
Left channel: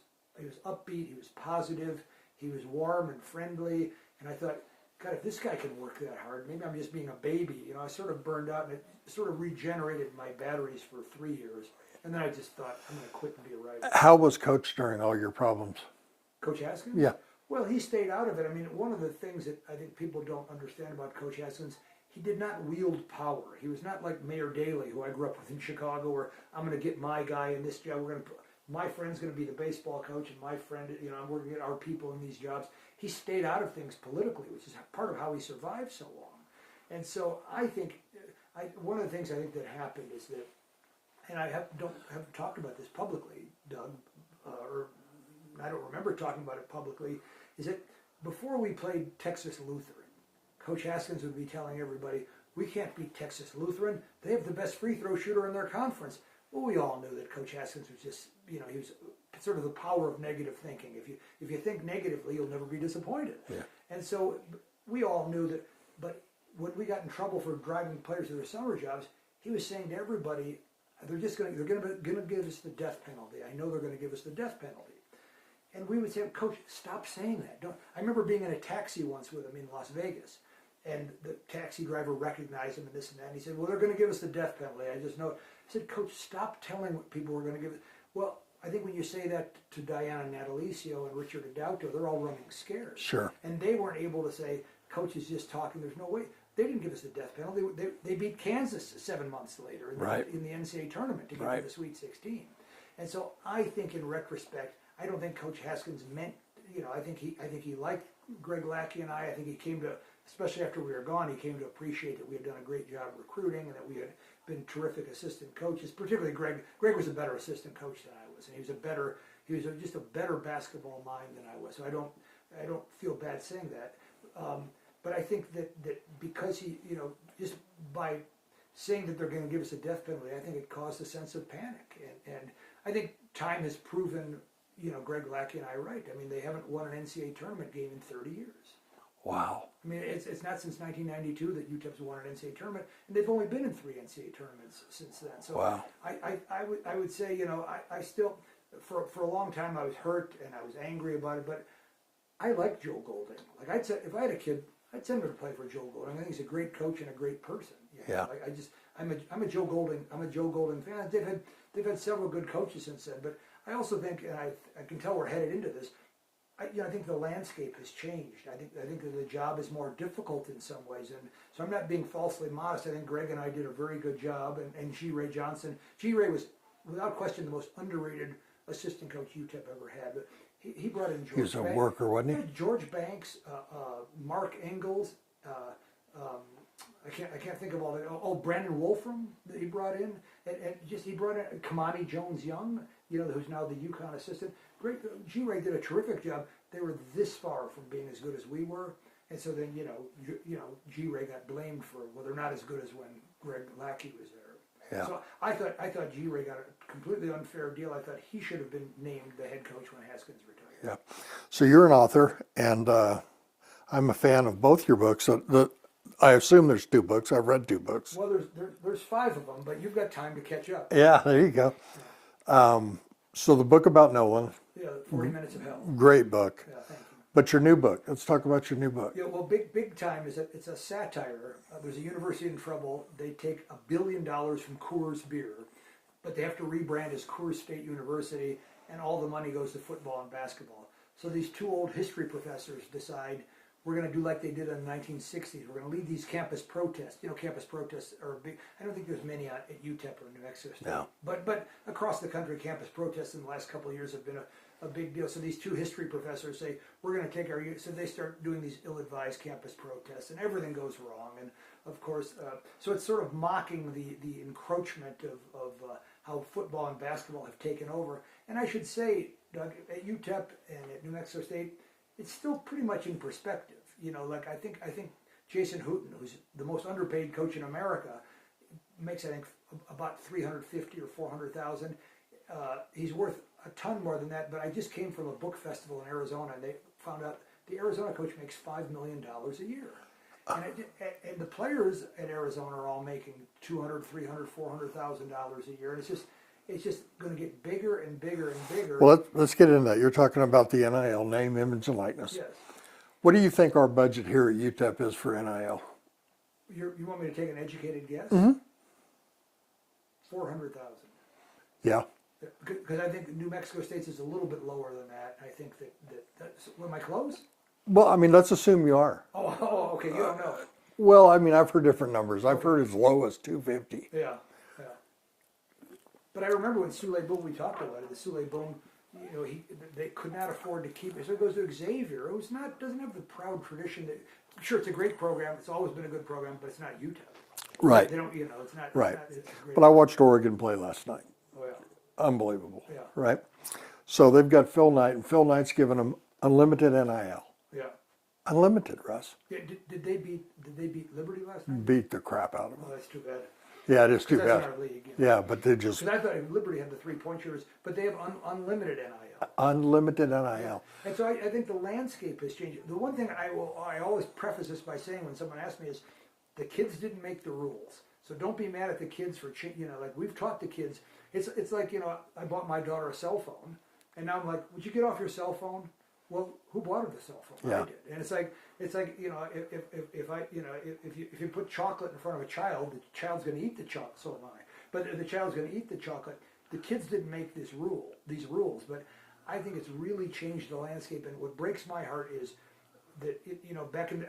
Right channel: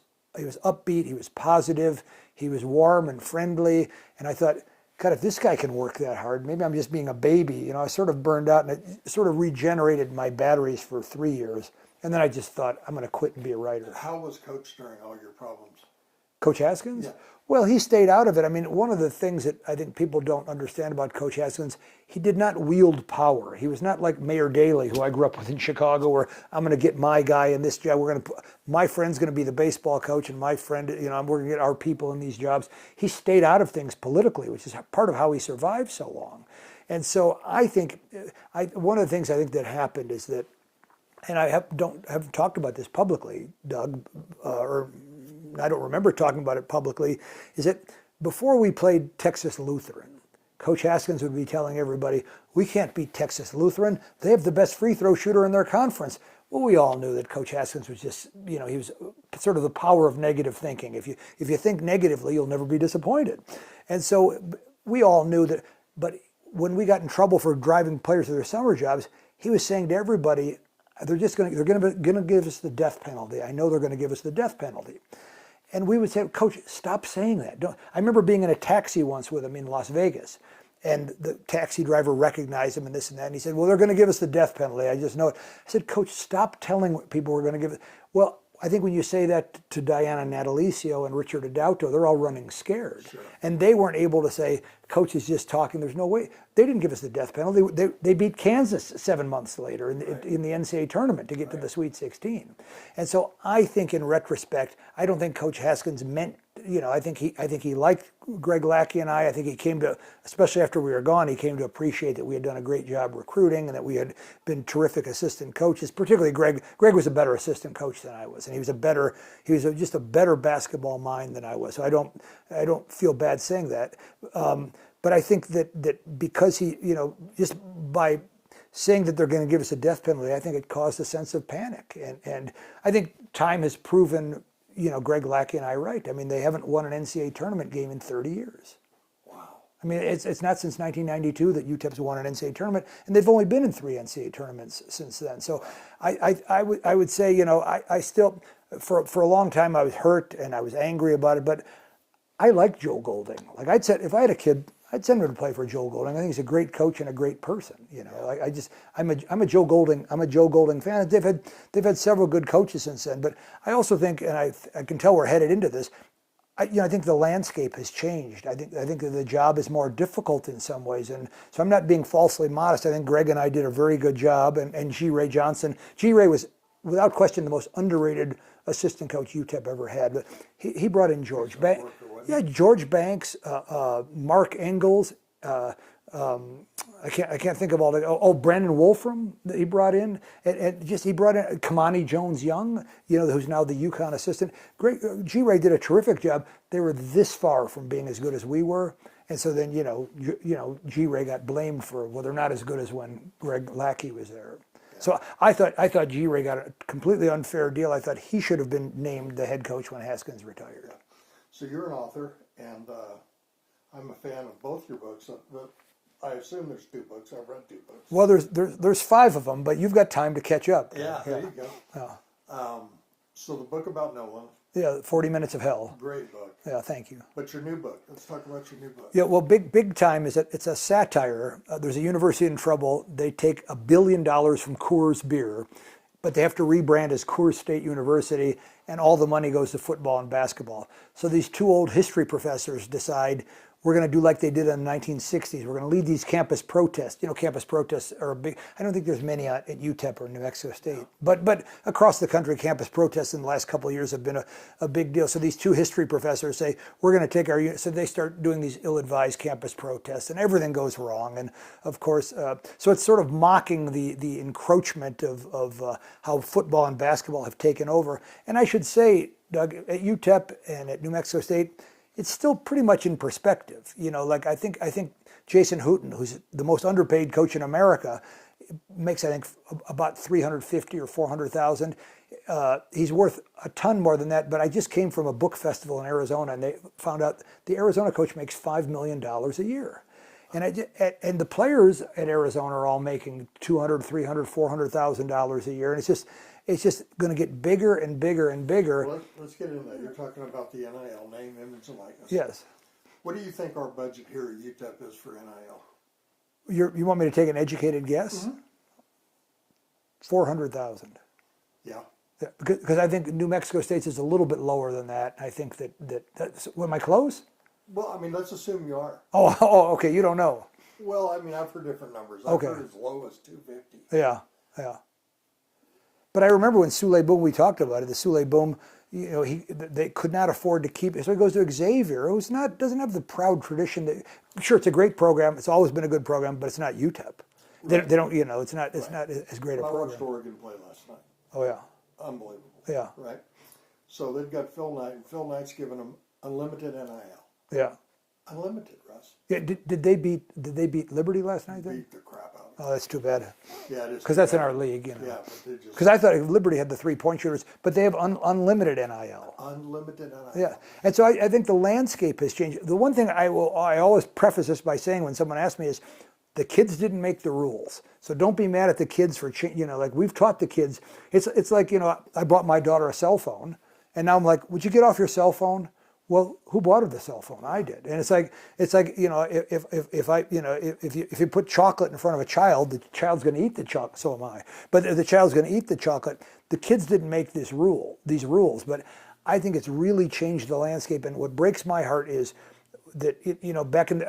upbeat, he was positive, he was warm and friendly, and I thought, God, if this guy can work that hard, maybe I'm just being a baby. I sort of burned out, and it sort of regenerated my batteries for 3 years. And then I just thought, I'm going to quit and be a writer. How was Coach during all your problems? Coach Haskins? Yeah. Well, he stayed out of it. I mean, one of the things that I think people don't understand about Coach Haskins, he did not wield power. He was not like Mayor Daley, who I grew up with in Chicago, where I'm going to get my guy in this job. My friend's going to be the baseball coach, and my friend, we're going to get our people in these jobs. He stayed out of things politically, which is part of how he survived so long. And so I think, one of the things I think that happened is that, and I haven't talked about this publicly, Doug, or I don't remember talking about it publicly, is that before we played Texas Lutheran, Coach Haskins would be telling everybody, we can't beat Texas Lutheran. They have the best free throw shooter in their conference. Well, we all knew that Coach Haskins was just, he was sort of the power of negative thinking. If you think negatively, you'll never be disappointed. And so we all knew that, but when we got in trouble for driving players to their summer jobs, he was saying to everybody, they're going to give us the death penalty. I know they're going to give us the death penalty. And we would say, Coach, stop saying that. I remember being in a taxi once with him in Las Vegas, and the taxi driver recognized him and this and that, and he said, well, they're going to give us the death penalty. I just know it. I said, Coach, stop telling people we're going to give it. Well, I think when you say that to Diana Natalicio and Richard Adauto, they're all running scared. Sure. And they weren't able to say, Coach is just talking, there's no way. They didn't give us the death penalty. They beat Kansas 7 months later in the NCAA tournament to get to the Sweet 16. And so I think in retrospect, I don't think Coach Haskins meant, I think he liked Greg Lackey and I think he came to, especially after we were gone, he came to appreciate that we had done a great job recruiting and that we had been terrific assistant coaches, particularly Greg. Greg was a better assistant coach than I was, and he was just a better basketball mind than I was. So I don't feel bad saying that. But I think that because he, just by saying that they're going to give us a death penalty, I think it caused a sense of panic. And I think time has proven, Greg Lackey and I right. I mean, they haven't won an NCAA tournament game in 30 years. Wow. I mean, it's not since 1992 that UTEP's won an NCAA tournament, and they've only been in 3 NCAA tournaments since then. So wow. I would say, I still, for a long time I was hurt and I was angry about it, but I like Joe Golding. Like I'd said, if I had a kid, I'd send him to play for Joe Golding. I think he's a great coach and a great person. I'm a Joe Golding fan. They've had several good coaches since then. But I also think, and I can tell we're headed into this. I think the landscape has changed. I think that the job is more difficult in some ways, and so I'm not being falsely modest. I think Greg and I did a very good job, and G. Ray Johnson. G. Ray was without question the most underrated assistant coach UTEP ever had. But he brought in George Banks. He was a worker, wasn't he? Yeah, George Banks, Mark Engels. I can't think of all the. Oh, Brandon Wolfram that he brought in, and he brought in Kamani Jones-Young, who's now the UConn assistant. Great, G. Ray did a terrific job. They were this far from being as good as we were, and so then G. Ray got blamed for they're not as good as when Greg Lackey was there. Yeah. So I thought G. Ray got a completely unfair deal. I thought he should have been named the head coach when Haskins retired. Yeah. So you're an author, and I'm a fan of both your books. So I assume there's 2 books. I've read 2 books. Well, there's 5 of them, but you've got time to catch up. Yeah, there you go. So the book about Nolan. Yeah, 40 Minutes of Hell. Great book. Yeah, thank you. But your new book. Let's talk about your new book. Yeah, well, big time is that it's a satire. There's a university in trouble. They take $1 billion from Coors Beer, but they have to rebrand as Coors State University, and all the money goes to football and basketball. So these 2 old history professors decide we're going to do like they did in the 1960s. We're going to lead these campus protests. You know, campus protests are a big. I don't think there's many at UTEP or New Mexico State, No. but across the country, campus protests in the last couple of years have been a big deal. So these two history professors say we're going to take our. So they start doing these ill-advised campus protests, and everything goes wrong. And of course, so it's sort of mocking the encroachment of how football and basketball have taken over. And I should say, Doug, at UTEP and at New Mexico State, it's still pretty much in perspective. You know, like I think Jason Hooten, who's the most underpaid coach in America, makes I think about $350,000 or $400,000. He's worth a ton more than that. But I just came from a book festival in Arizona, and they found out the Arizona coach makes $5 million a year. And the players at Arizona are all making $200,000, $300,000, $400,000 a year, and it's just going to get bigger and bigger and bigger. Well, let's get into that. You're talking about the NIL, name, image, and likeness. Yes. What do you think our budget here at UTEP is for NIL? You want me to take an educated guess? Mm-hmm. 400,000. Yeah. Yeah, because I think New Mexico State's is a little bit lower than that. I think that's. Am I close? Well, I mean, let's assume you are. Oh, okay. You don't know. Well, I mean, I've heard different numbers. I've Okay. heard as low as 250. Yeah. But I remember when Sule Boom, we talked about it. The Sule Boom, you know, they could not afford to keep it, so he goes to Xavier, who's doesn't have the proud tradition. Sure, it's a great program. It's always been a good program, but it's not UTEP. Right. They don't. You know, it's not Right. as great. But I watched Oregon play last night. Oh yeah. Unbelievable. Yeah. Right? So they've got Phil Knight, and Phil Knight's giving them unlimited NIL. Yeah. Unlimited, Russ. Yeah. Did they beat Liberty last night? Beat the crap out of them. Oh, that's too bad. Yeah, it is too Because that's bad. in our league. You know. Yeah, but they just Because I thought Liberty had the 3-point shooters, but they have unlimited NIL. unlimited NIL. Yeah, and so I think the landscape has changed. The one thing I always preface this by saying when someone asks me is, the kids didn't make the rules, so don't be mad at the kids for like we've taught the kids. It's like, you know, I bought my daughter a cell phone, and now I'm like, would you get off your cell phone? Well, who bought her the cell phone? I did. And it's like you know, if you put chocolate in front of a child, the child's going to eat the chocolate. So am I. But the child's going to eat the chocolate. The kids didn't make these rules, but I think it's really changed the landscape. And what breaks my heart is that you know, back in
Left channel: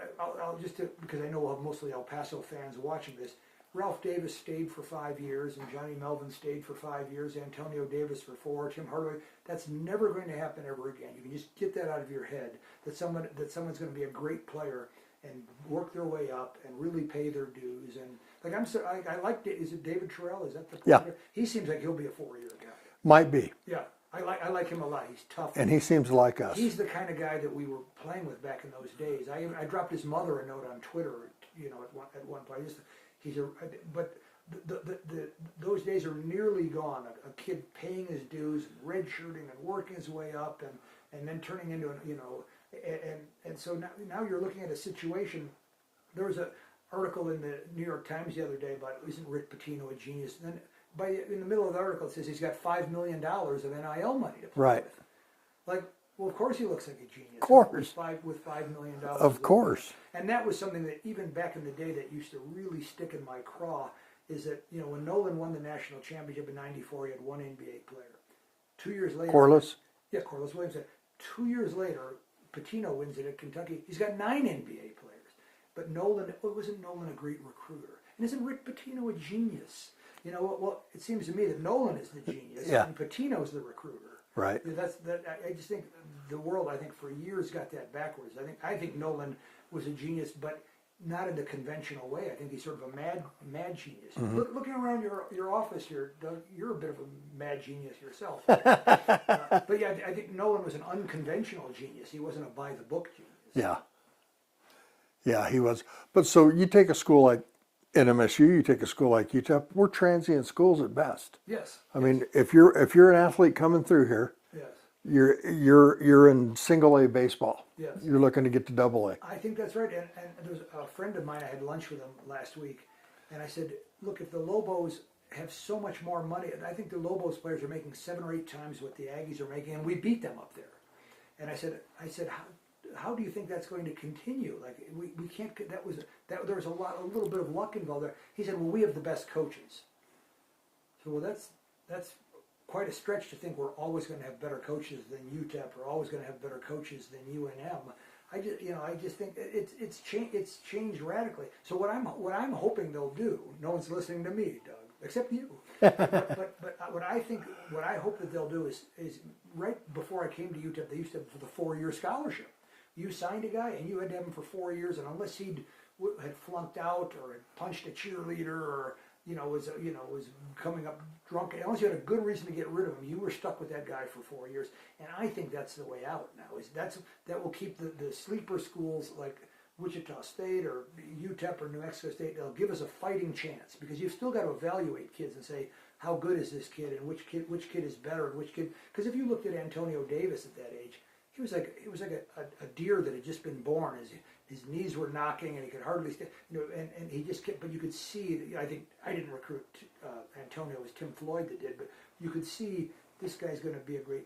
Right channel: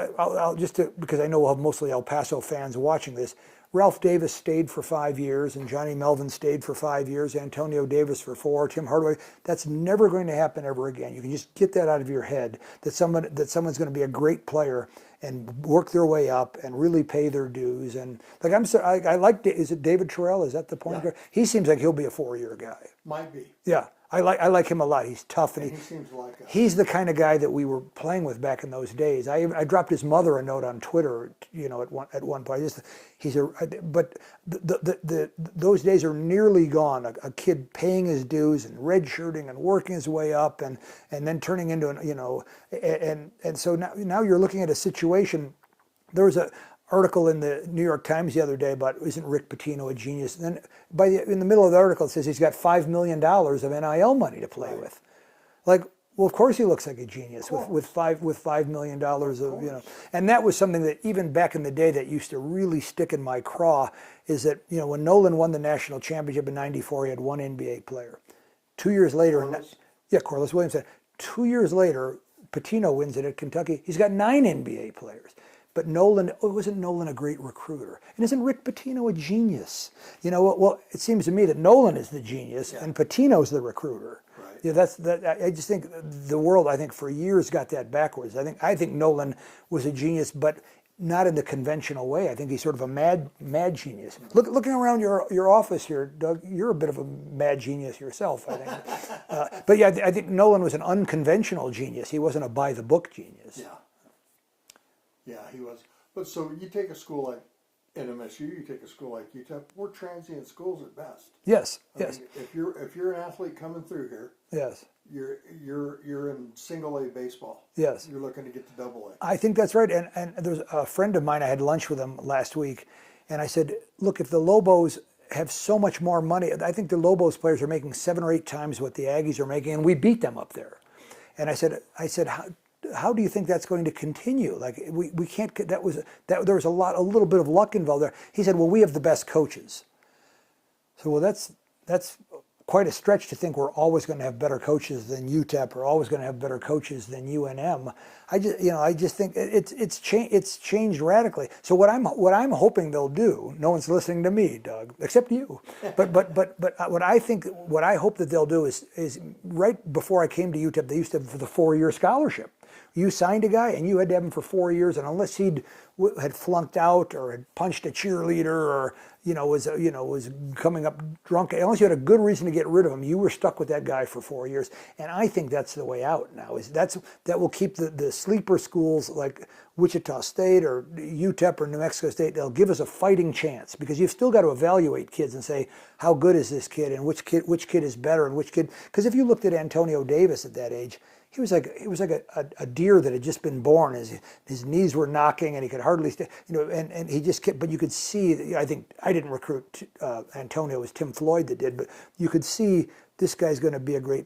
because I know we'll have mostly El Paso fans watching this. Ralph Davis stayed for 5 years, and Johnny Melvin stayed for 5 years, Antonio Davis for 4, Tim Hardaway. That's never going to happen ever again. You can just get that out of your head, that someone's going to be a great player and work their way up and really pay their dues. And like I like, is it David Terrell? Is that the point? Yeah. He seems like he'll be a 4-year guy. Might be. Yeah. I like him a lot. He's tough. And he seems like us. He's the kind of guy that we were playing with back in those days. I dropped his mother a note on Twitter, you know, at one point. But those days are nearly gone. A kid paying his dues and redshirting and working his way up and then turning into an, you know, and so now you're looking at a situation. There was an article in the New York Times the other day about, isn't Rick Pitino a genius? And then in the middle of the article it says he's got $5 million of NIL money to play with. Like, well, of course he looks like a genius with $5 million. Of course. And that was something that even back in the day that used to really stick in my craw, is that, you know, when Nolan won the national championship in '94, he had one NBA player. 2 years later, Corliss? Yeah, Corliss Williamson. 2 years later, Pitino wins it at Kentucky. He's got 9 NBA players. But wasn't Nolan a great recruiter? And isn't Rick Pitino a genius? You know, well, it seems to me that Nolan is the genius and Pitino's the recruiter. Right. Yeah, I just think the world, I think, for years got that backwards. I think Nolan was a genius, but not in the conventional way. I think he's sort of a mad genius. Mm-hmm. Looking around your office here, Doug, you're a bit of a mad genius yourself. I think. But yeah, I think Nolan was an unconventional genius. He wasn't a by-the-book genius. Yeah. Yeah, he was. But so you take a school like NMSU, you take a school like UTEP, we're transient schools at best. Yes. I mean, if you're an athlete coming through here, yes, you're in single A baseball. Yes. You're looking to get to double A. I think that's right. And there's a friend of mine, I had lunch with him last week, and I said, look, if the Lobos have so much more money, I think the Lobos players are making 7 or 8 times what the Aggies are making, and we beat them up there. And I said, how do you think that's going to continue? Like we can't. There was a little bit of luck involved there. He said, well, we have the best coaches. So well, that's quite a stretch to think we're always going to have better coaches than UTEP or always going to have better coaches than UNM. I just think it's changed radically. So what I'm hoping they'll do, no one's listening to me, Doug, except you. But what I hope that they'll do is right before I came to UTEP, they used to have the 4-year scholarship. You signed a guy and you had to have him for 4 years, and unless he'd had flunked out or had punched a cheerleader or was coming up drunk, unless you had a good reason to get rid of him, you were stuck with that guy for 4 years. And I think that's the way out now. That will keep the sleeper schools like Wichita State or UTEP or New Mexico State. They'll give us a fighting chance, because you've still got to evaluate kids and say, how good is this kid and which kid is better and which kid. Because if you looked at Antonio Davis at that age, he was like a deer that had just been born. His knees were knocking and he could hardly stay. And he just kept. But you could see. I think I didn't recruit Antonio. It was Tim Floyd that did. But you could see this guy's going to be a great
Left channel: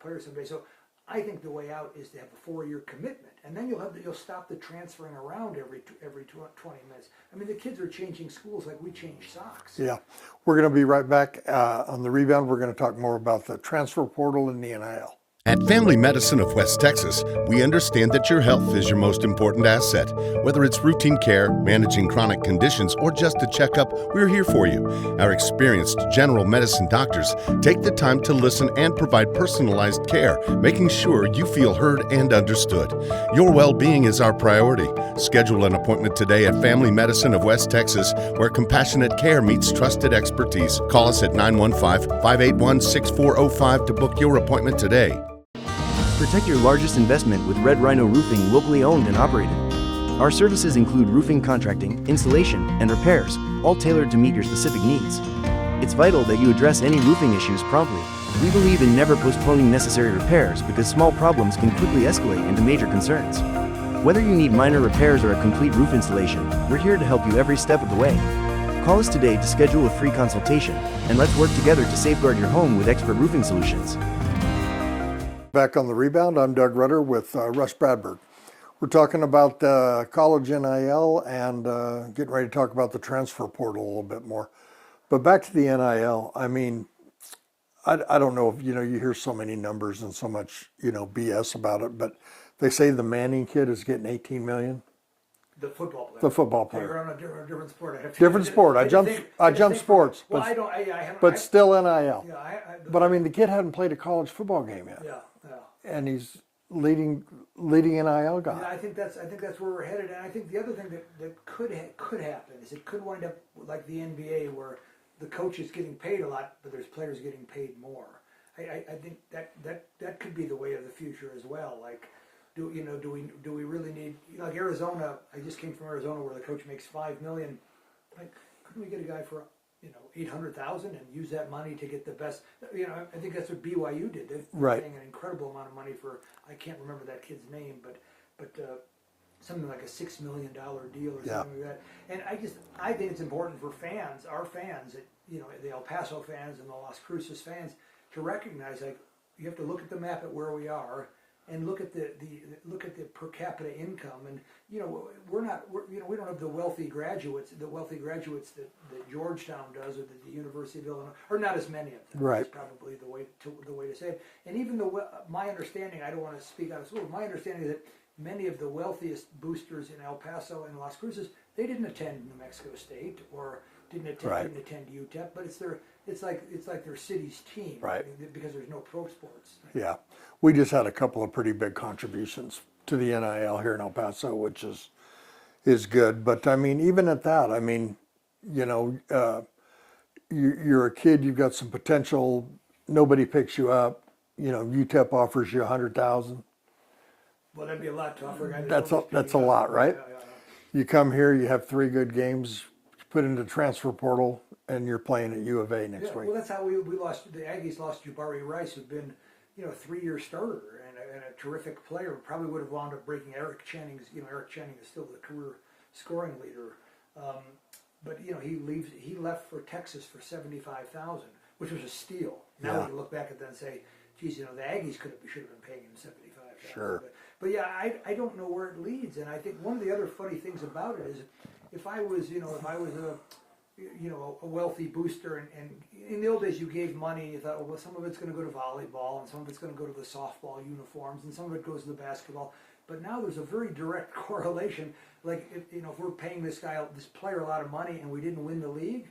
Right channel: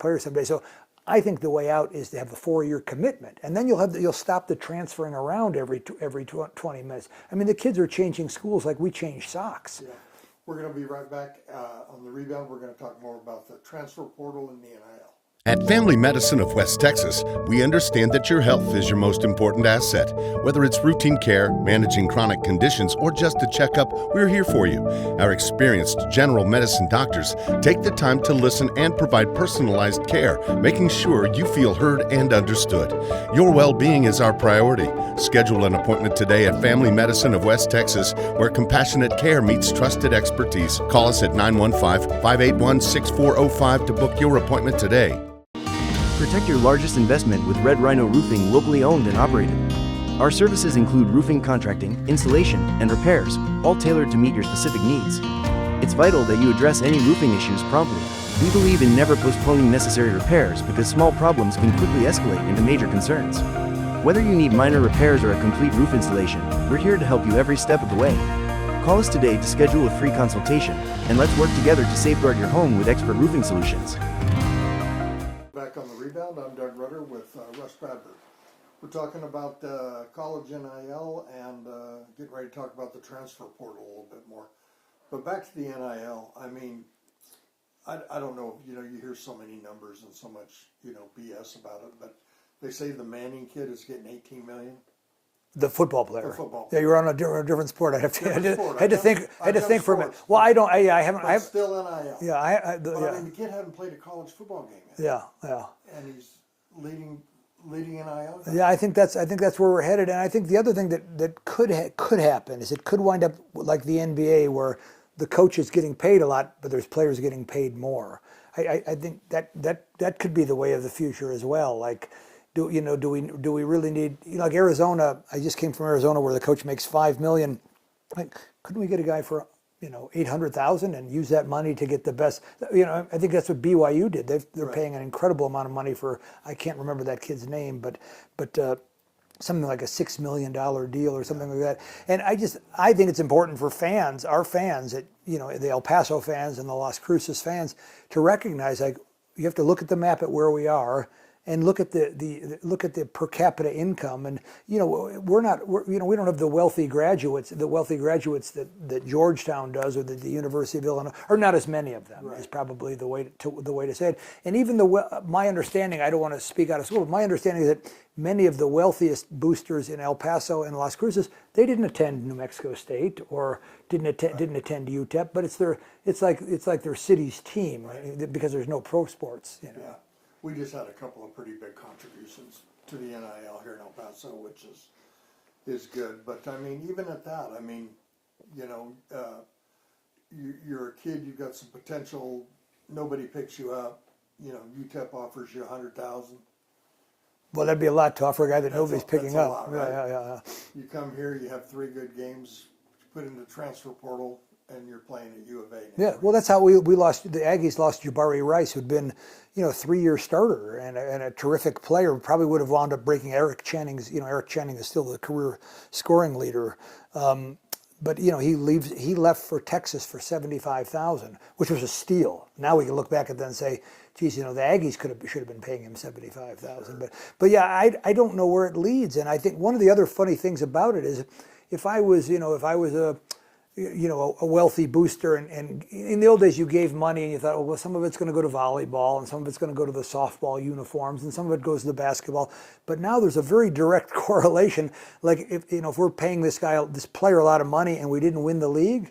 player someday. So I think the way out is to have a 4-year commitment, and then you'll stop the transferring around every 20 minutes. I mean, the kids are changing schools like we change socks. Yeah. We're going to be right back on the Rebound. We're going to talk more about the transfer portal and the NIL. At Family Medicine of West Texas, we understand that your health is your most important asset. Whether it's routine care, managing chronic conditions, or just a checkup, we're here for you. Our experienced general medicine doctors take the time to listen and provide personalized care, making sure you feel heard and understood. Your well-being is our priority. Schedule an appointment today at Family Medicine of West Texas, where compassionate care meets trusted expertise. Call us at 915-581-6405 to book your appointment today. Protect your largest investment with Red Rhino Roofing, locally owned and operated. Our services include roofing contracting, installation, and repairs, all tailored to meet your specific needs. It's vital that you address any roofing issues promptly. We believe in never postponing necessary repairs, because small problems can quickly escalate into major concerns. Whether you need minor repairs or a complete roof installation, we're here to help you every step of the way. Call us today to schedule a free consultation, and let's work together to safeguard your home with expert roofing solutions. Back on the Rebound, I'm Doug Rutter with Rus Bradburd. We're talking about college NIL and getting ready to talk about the transfer portal a little bit more. But back to the NIL, I mean, I don't know if, you hear so many numbers and so much, BS about it, but they say the Manning kid is getting $18 million. The football player. The football player. Yeah, you're on a different sport. I have to. Different sport. I jumped sports. Well, I don't. I haven't. But still NIL. Yeah, I mean, the kid hadn't played a college football game yet. Yeah. And he's leading NIL guys. Yeah, I think that's where we're headed. And I think the other thing that could happen is it could wind up like the NBA, where the coach is getting paid a lot, but there's players getting paid more. I think that could be the way of the future as well. Like, do we really need, like Arizona? I just came from Arizona, where the coach makes $5 million. Like, couldn't we get a guy for $800,000 and use that money to get the best? I think that's what BYU did. They're right. paying an incredible amount of money for, I can't remember that kid's name, but something like a $6 million deal or something like that. And I think it's important for fans, our fans, the El Paso fans and the Las Cruces fans, to recognize, like, you have to look at the map at where we are and look at the per capita income. And we don't have the wealthy graduates that Georgetown does, or that the University of Illinois, or not as many of them. Right. Is probably the way to say it. And even my understanding, I don't want to speak out of school, but my understanding is that many of the wealthiest boosters in El Paso and Las Cruces, they didn't attend New Mexico State or didn't attend UTEP, but it's like their city's team, right? Because there's no pro sports. Yeah. We just had a couple of pretty big contributions to the NIL here in El Paso, which is good. But I mean, even at that, I mean, you're a kid, you've got some potential. Nobody picks you up. UTEP offers you $100,000. Well, that'd be a lot to offer a guy that nobody's picking up. That's a lot, right? Yeah. You come here, you have 3 good games, put into the transfer portal, and you're playing at U of A next week. Well, that's how we lost. The Aggies lost Jabari Rice, who'd been, 3-year starter and a terrific player. Probably would have wound up breaking Eric Channing's. Eric Channing is still the career scoring leader. But he left for Texas for $75,000, which was a steal. Now we can look back at that and say, geez, the Aggies should have been paying him $75,000. Sure. But yeah, I don't know where it leads. And I think one of the other funny things about it is, if I was a wealthy booster, and in the old days you gave money and you thought, oh, well, some of it's going to go to volleyball and some of it's going to go to the softball uniforms and some of it goes to the basketball. But now there's a very direct correlation. Like if we're paying this player a lot of money and we didn't win the league,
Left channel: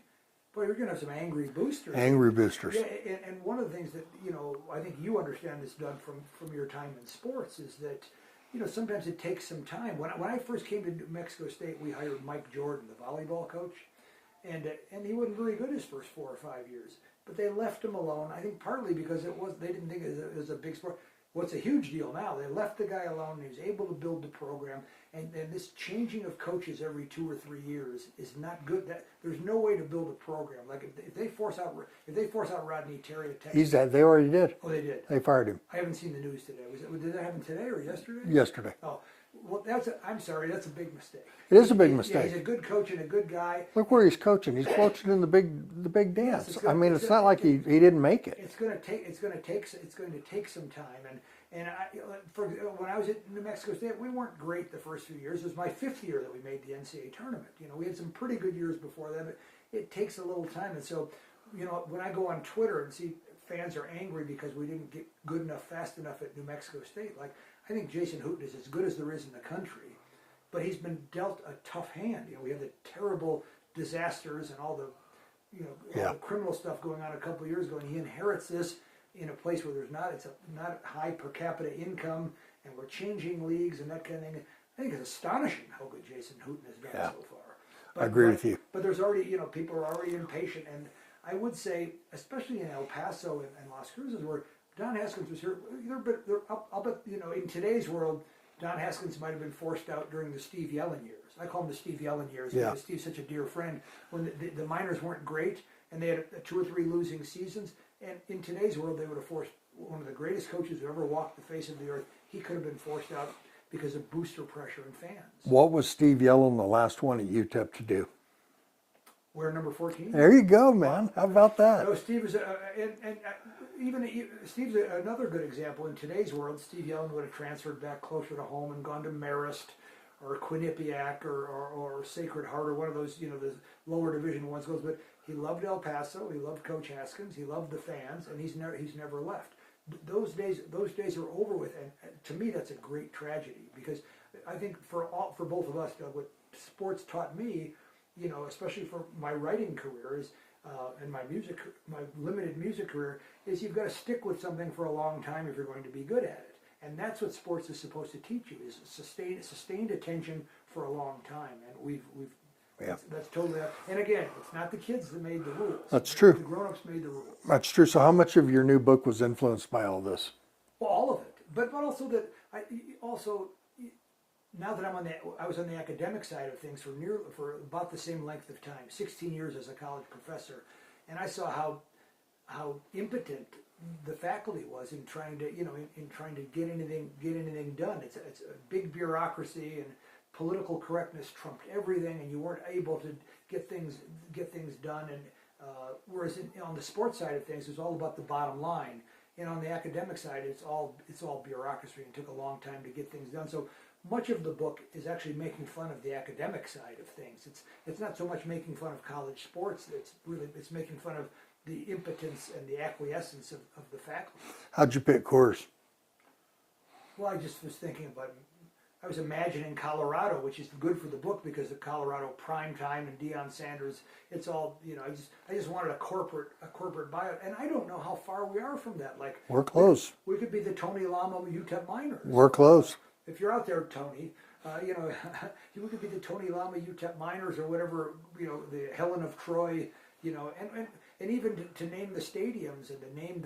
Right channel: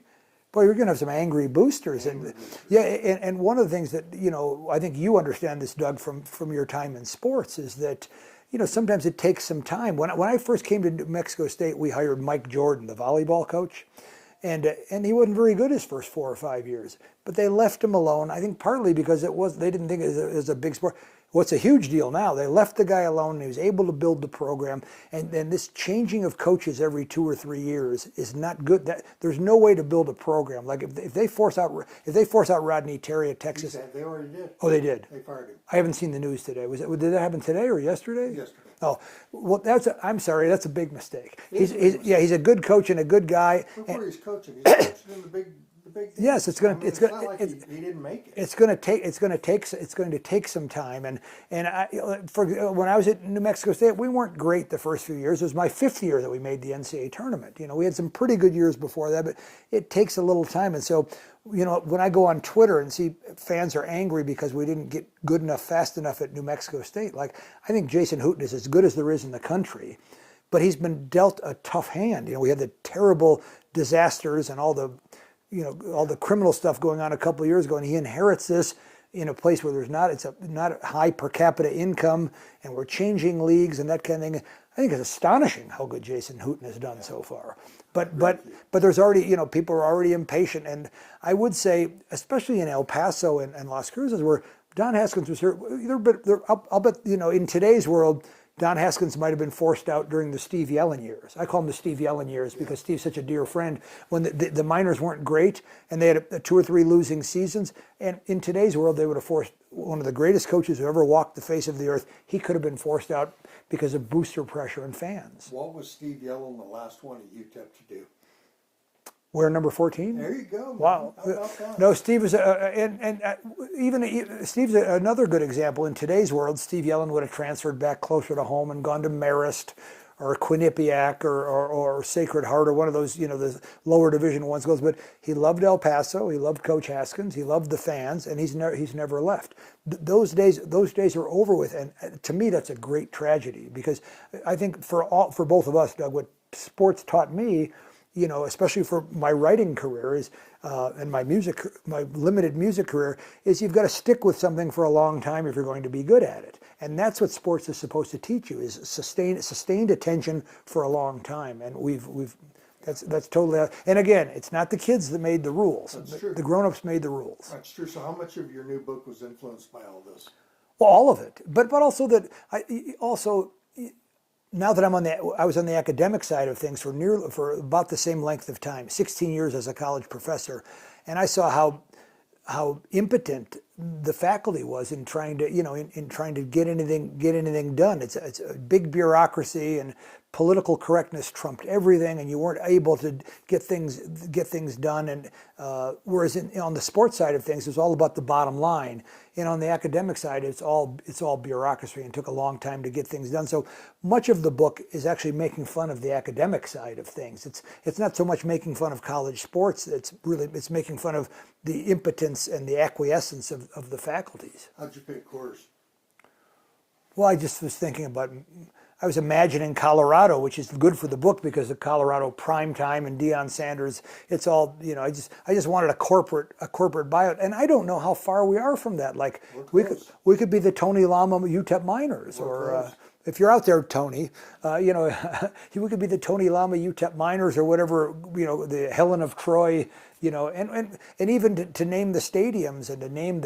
boy, you're going to have some angry boosters. Angry boosters. Yeah, and one of the things that I think you understand this, Doug, from your time in sports, is that sometimes it takes some time. When I first came to New Mexico State, we hired Mike Jordan, the volleyball coach. And he wasn't very good his first 4 or 5 years, but they left him alone. I think partly because they didn't think it was a big sport. What's a huge deal now? They left the guy alone. And he was able to build the program, and then this changing of coaches every 2 or 3 years is not good. There's no way to build a program. Like if they force out Rodney Terry at Texas, They already did. Oh, they did. They fired him I haven't seen the news today. Did that happen today or yesterday? yesterday. Oh, well, I'm sorry. That's a big mistake. It is a big mistake. Yeah, he's a good coach and a good guy. Look where he's coaching. He's coaching in the big dance. Yes, it's gonna- I mean, it's it's gonna- not like he didn't make it. It's going to take some time, and when I was at New Mexico State, we weren't great the first few years. It was my 5th year that we made the NCAA tournament. We had some pretty good years before that, but it takes a little time. And so, when I go on Twitter and see fans are angry because we didn't get good enough, fast enough at New Mexico State, like I think Jason Hooten is as good as there is in the country, but he's been dealt a tough hand. We had the terrible disasters and all the criminal stuff going on a couple of years ago, and he inherits this in a place where it's not a high per capita income, and we're changing leagues and that kind of thing. I think it's astonishing how good Jason Hooten has done so far. I agree with you. But there's already, people are already impatient, and I would say, especially in El Paso and Las Cruces, where Don Haskins was here, I'll bet, in today's world, Don Haskins might have been forced out during the Steve Yellen years. I call them the Steve Yellen years because Steve's such a dear friend. When the minors weren't great and they had 2 or 3 losing seasons, and in today's world they would have forced one of the greatest coaches who ever walked the face of the earth. He could have been forced out because of booster pressure and fans. What was Steve Yellen the last one at UTEP to do? We're number 14. There you go, man. Wow. How about that? No, Steve is, Steve's another good example. In today's world, Steve Yellen would have transferred back closer to home and gone to Marist or Quinnipiac or Sacred Heart or one of those, the lower division ones goes. But he loved El Paso. He loved Coach Haskins. He loved the fans, and he's never left. Those days are over with, and to me, that's a great tragedy because I think for both of us, Doug, what sports taught me, especially for my writing career and my limited music career, is you've got to stick with something for a long time if you're going to be good at it. And that's what sports is supposed to teach you, is sustained attention for a long time. And that's totally, and again, it's not the kids that made the rules. That's true. The grown-ups made the rules. That's true. So how much of your new book was influenced by all this? Well, all of it. But also that now that I was on the academic side of things for about the same length of time, 16 years as a college professor, and I saw how impotent the faculty was in trying to get anything done. It's a big bureaucracy, and political correctness trumped everything, and you weren't able to get things done. And whereas on the sports side of things, it was all about the bottom line. And on the academic side, it's all bureaucracy and took a long time to get things done. So much of the book is actually making fun of the academic side of things. It's not so much making fun of college sports. It's making fun of the impotence and the acquiescence of the faculties. How'd you pick course? Well, I just was thinking about. I was imagining Colorado, which is good for the book because of Colorado prime time and Deion Sanders. It's all, I just wanted a corporate buyout, and I don't know how far we are from that. Like we're close. We could be the Tony Lama UTEP Miners. We're close. If you're out there, Tony, we could be the Tony Lama UTEP Miners or whatever. The Helen of Troy. And even to name the stadiums and to name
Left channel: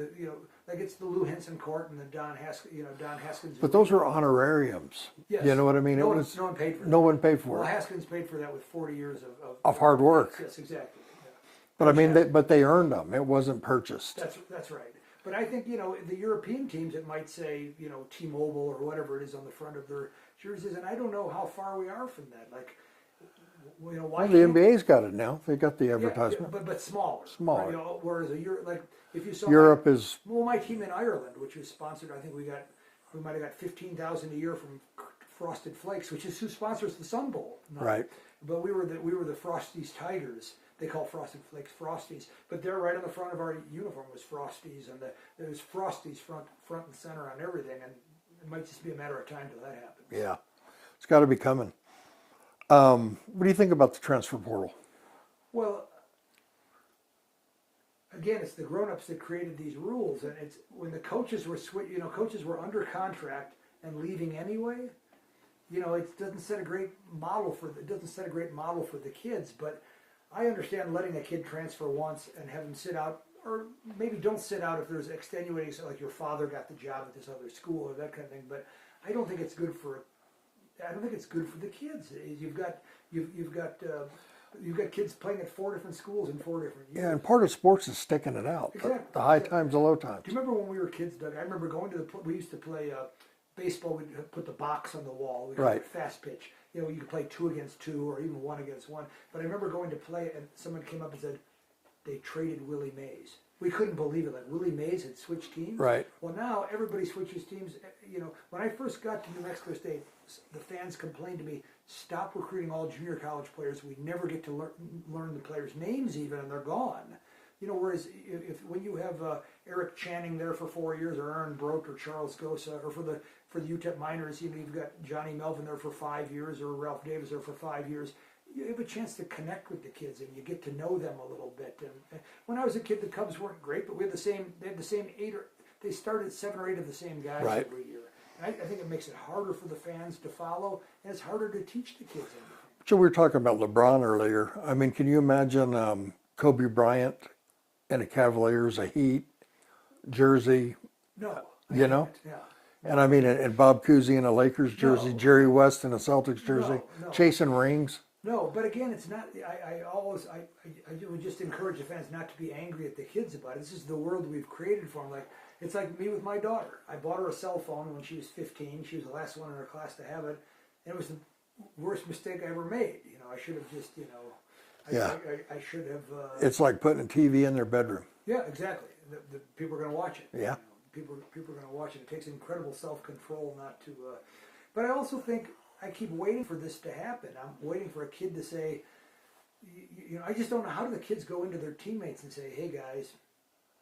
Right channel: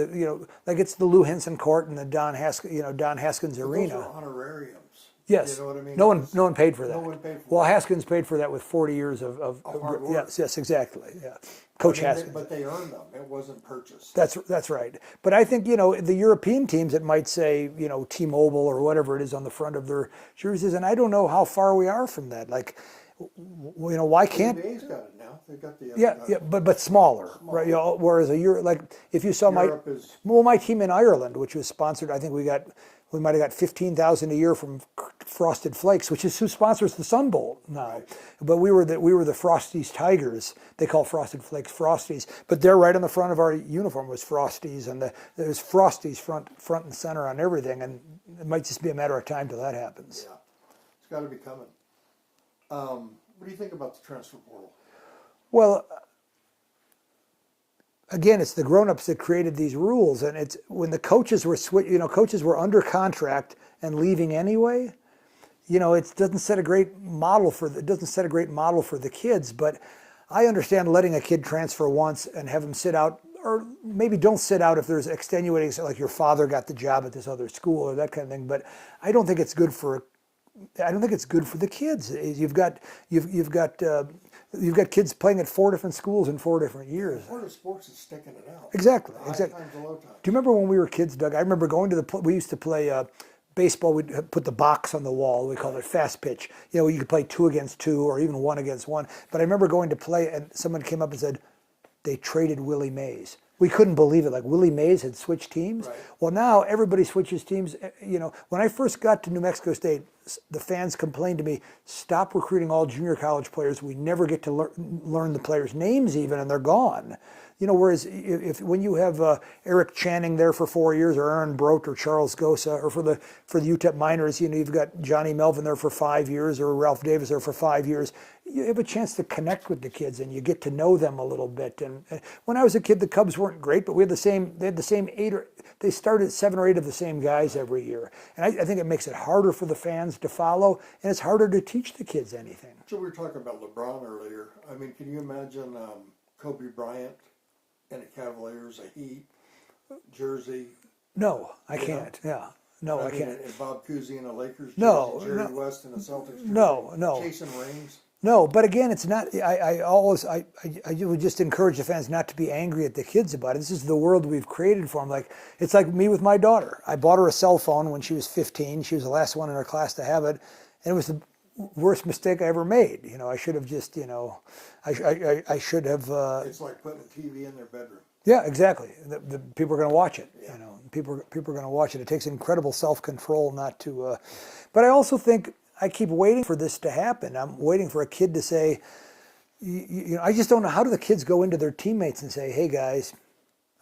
like it's the Lou Henson Court and the Don Haskins Arena. But those are honorariums. Yes. You know what I mean? No one paid for that. No one paid for it. Well, Haskins paid for that with 40 years of hard work. Yes, exactly. Yeah. But but they earned them. It wasn't purchased. That's right. But I think the European teams, it might say T-Mobile or whatever it is on the front of their jerseys, and I don't know how far we are from that. Like, why the can't NBA's got it now? They got the advertisement. Yeah, but smaller. Right? Whereas like if you saw Europe is my team in Ireland, which was sponsored, I think we got We might have got $15,000 a year from Frosted Flakes, which is who sponsors the Sun Bowl now. Right. But we were the Frosties Tigers. They call Frosted Flakes Frosties, but they're right on the front of our uniform was Frosties, and there was Frosties front and center on everything. And it might just be a matter of time till that happens. Yeah, it's got to be coming. What do you think about the transfer portal? Well, again, it's the grown-ups that created these rules, and it's when the coaches were coaches were under contract and leaving anyway. It doesn't set a great model for the kids. But I understand letting a kid transfer once and have him sit out, or maybe don't sit out if there's extenuating, like your father got the job at this other school or that kind of thing. But I don't think it's good for the kids. You've got kids playing at 4 different schools in 4 different years. Yeah, and part of sports is sticking it out. Exactly. The high times, the low times. Do you remember when we were kids, Doug? I remember going to we used to play baseball. We'd put the box on the wall. We called Right. it fast pitch. You could play 2 against 2 or even 1 against 1. But I remember going to play, and someone came up and said, they traded Willie Mays. We couldn't believe it. Like Willie Mays had switched teams. Right. Well, now everybody switches teams. When I first got to New Mexico State, the fans complained to me, "Stop recruiting all junior college players. We never get to learn the players' names even, and they're gone." Whereas when you have Eric Channing there for 4 years, or Aaron Brote, or Charles Gosa, or for the UTEP minors, you've got Johnny Melvin there for 5 years, or Ralph Davis there for 5 years. You have a chance to connect with the kids, and you get to know them a little bit. And when I was a kid, the Cubs weren't great, but they had the same 8 or they started 7 or 8 of the same guys Right. every year. And I think it makes it harder for the fans to follow, and it's harder to teach the kids anything. So we were talking about LeBron earlier. I mean, can you imagine Kobe Bryant in a Cavaliers, a Heat jersey? No, I You can't. know? Yeah. No, And I mean, can't. and Bob Cousy in a Lakers jersey, No, Jerry no. West in a Celtics jersey, No. chasing rings. No, but again, it's not. I would just encourage the fans not to be angry at the kids about it. This is the world we've created for them. It's like me with my daughter. I bought her a cell phone when she was 15. She was the last one in her class to have it, and it was the worst mistake I ever made. I should have just, I should have. It's like putting a TV in their bedroom. Yeah, exactly. The people are going to watch it. Yeah. People are going to watch it. It takes incredible self-control not to. But I also think I keep waiting for this to happen. I'm waiting for a kid to say, I just don't know, how do the kids go into their teammates and say, "Hey guys,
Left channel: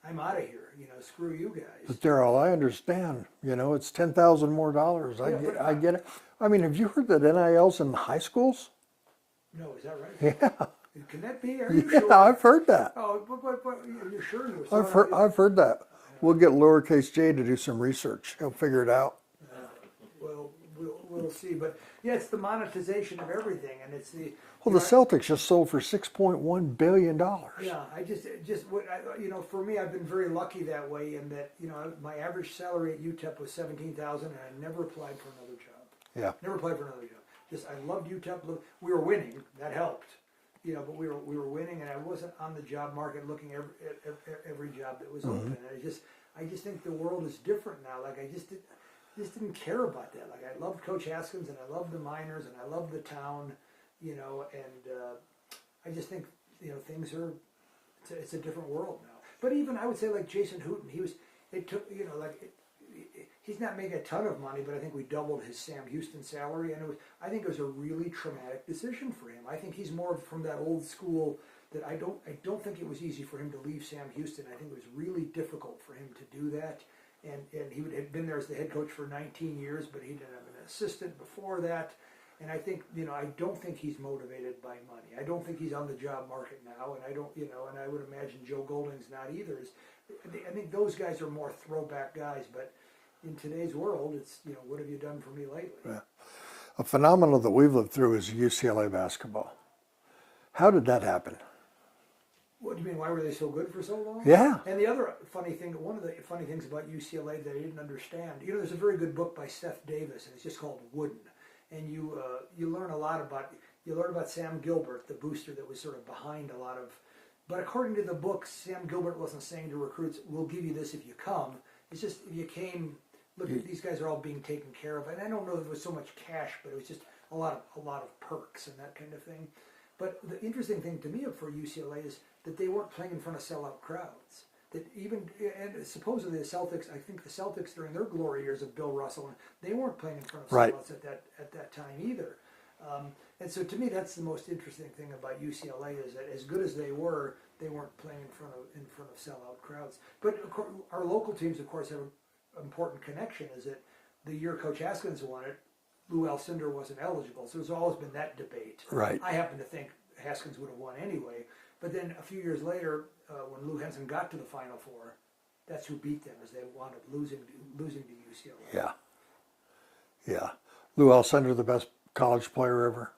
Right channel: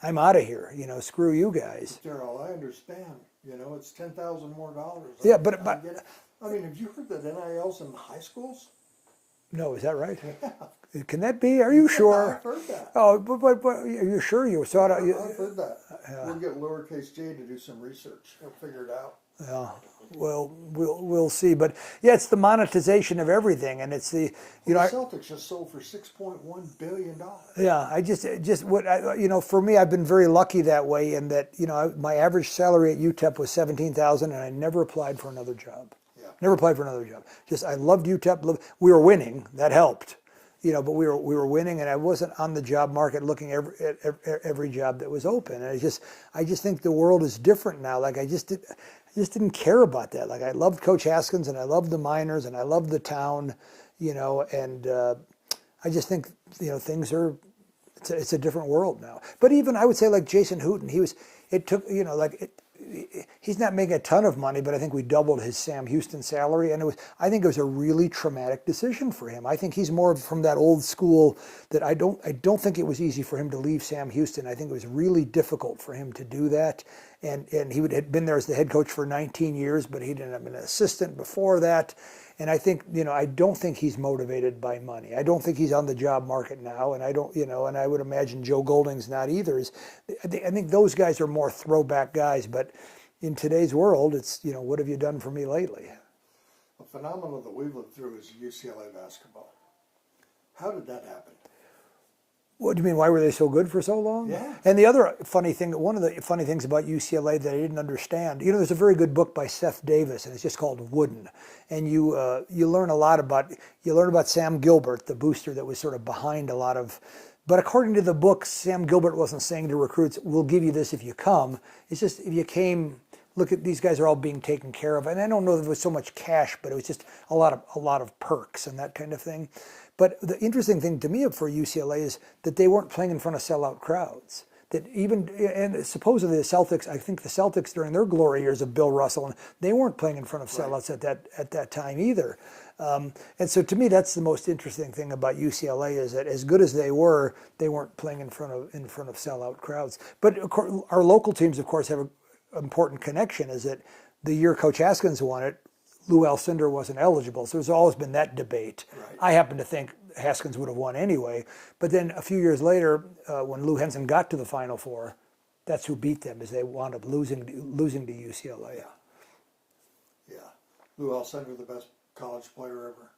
I'm out of here. Screw you guys." But Darryl, I understand. It's $10,000 more dollars. Yeah, but I get it. I mean, have you heard that NIL's in the high schools? No, is that right? Yeah. Can that be? Are you sure? I've heard that. Oh, but are you sure you saw it? I've heard that. We'll get lowercase j to do some research. He'll figure it out. Yeah. Well, we'll see. But yeah, it's the monetization of everything, and it's the. Well, the Celtics just sold for $6.1 billion. Yeah, for me, I've been very lucky that way, in that my average salary at UTEP was $17,000, and I never applied for another job. Yeah. Never applied for another job. Just I loved UTEP. We were winning. That helped. But we were winning, and I wasn't on the job market looking at every job that was open. And I just think the world is different now. Like I just didn't care about that. Like I loved Coach Haskins, and I loved the miners, and I loved the town, and I just think things are. It's a different world now. But even I would say like Jason Hooten, he's not making a ton of money, but I think we doubled his Sam Houston salary, and I think it was a really traumatic decision for him. I think he's more from that old school that I don't think it was easy for him to leave Sam Houston. I think it was really difficult for him to do that, and he had been there as the head coach for 19 years, but he didn't have an assistant before that. And I think, I don't think he's motivated by money. I don't think he's on the job market now, and I don't, and I would imagine Joe Golding's not either. I think those guys are more throwback guys, but in today's world, it's, what have you done for me lately? Yeah. A phenomenon that we've lived through is UCLA basketball. How did that happen? What do you mean? Why were they so good for so long? Yeah. And the other funny thing, one of the funny things about UCLA that I didn't understand, there's a very good book by Seth Davis, and it's just called Wooden, and you learn a lot about Sam Gilbert, the booster that was sort of behind a lot of. But according to the book, Sam Gilbert wasn't saying to recruits, "We'll give you this if you come." It's just if you came. Look at these guys are all being taken care of, and I don't know if it was so much cash, but it was just a lot of perks and that kind of thing. But the interesting thing to me for UCLA is that they weren't playing in front of sellout crowds. that even, and supposedly the Celtics, I think the Celtics during their glory years of Bill Russell, and they weren't playing in front of Right. sellouts at that time either. And so to me, that's the most interesting thing about UCLA is that as good as they weren't playing in front of sellout crowds. But of course, our local teams, of course, have an important connection. Is that the year Coach Haskins won it, Lou Alcindor wasn't eligible, so there's always been that debate. Right. I happen to think Haskins would have won anyway, but then a few years later, when Lou Henson got to the Final Four, that's who beat them, as they wound up losing to UCLA. Yeah. Yeah. Lou Alcindor, the best college player ever.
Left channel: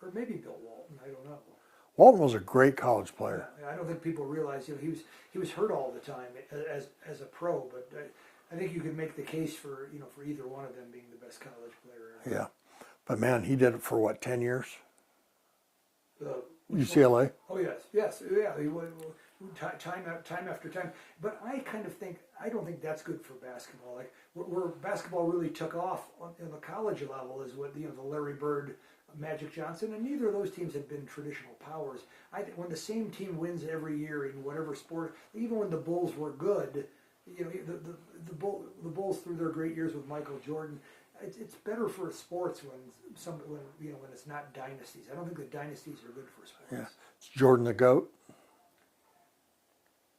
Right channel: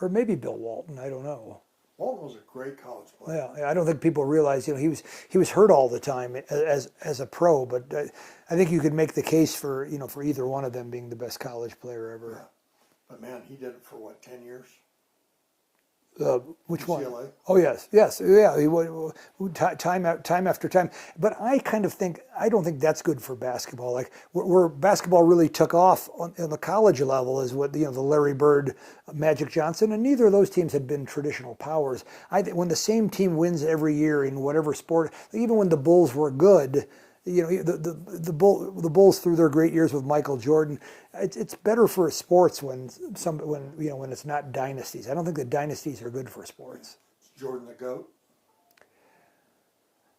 Or maybe Bill Walton, I don't know. Walton was a great college player. Yeah, I don't think people realize, he was hurt all the time as a pro, but I think you could make the case for either one of them being the best college player ever. Yeah. But man, he did it for what, 10 years? Which UCLA? one? Oh yes, yeah. Time after time. But I kind of think I don't think that's good for basketball. Like where basketball really took off on the college level is what the Larry Bird, Magic Johnson, and neither of those teams had been traditional powers. I think when the same team wins every year in whatever sport, even when the Bulls were good, the Bulls through their great years with Michael Jordan. It's better for sports when it's not dynasties. I don't think the dynasties are good for sports. Yeah. Is Jordan the GOAT?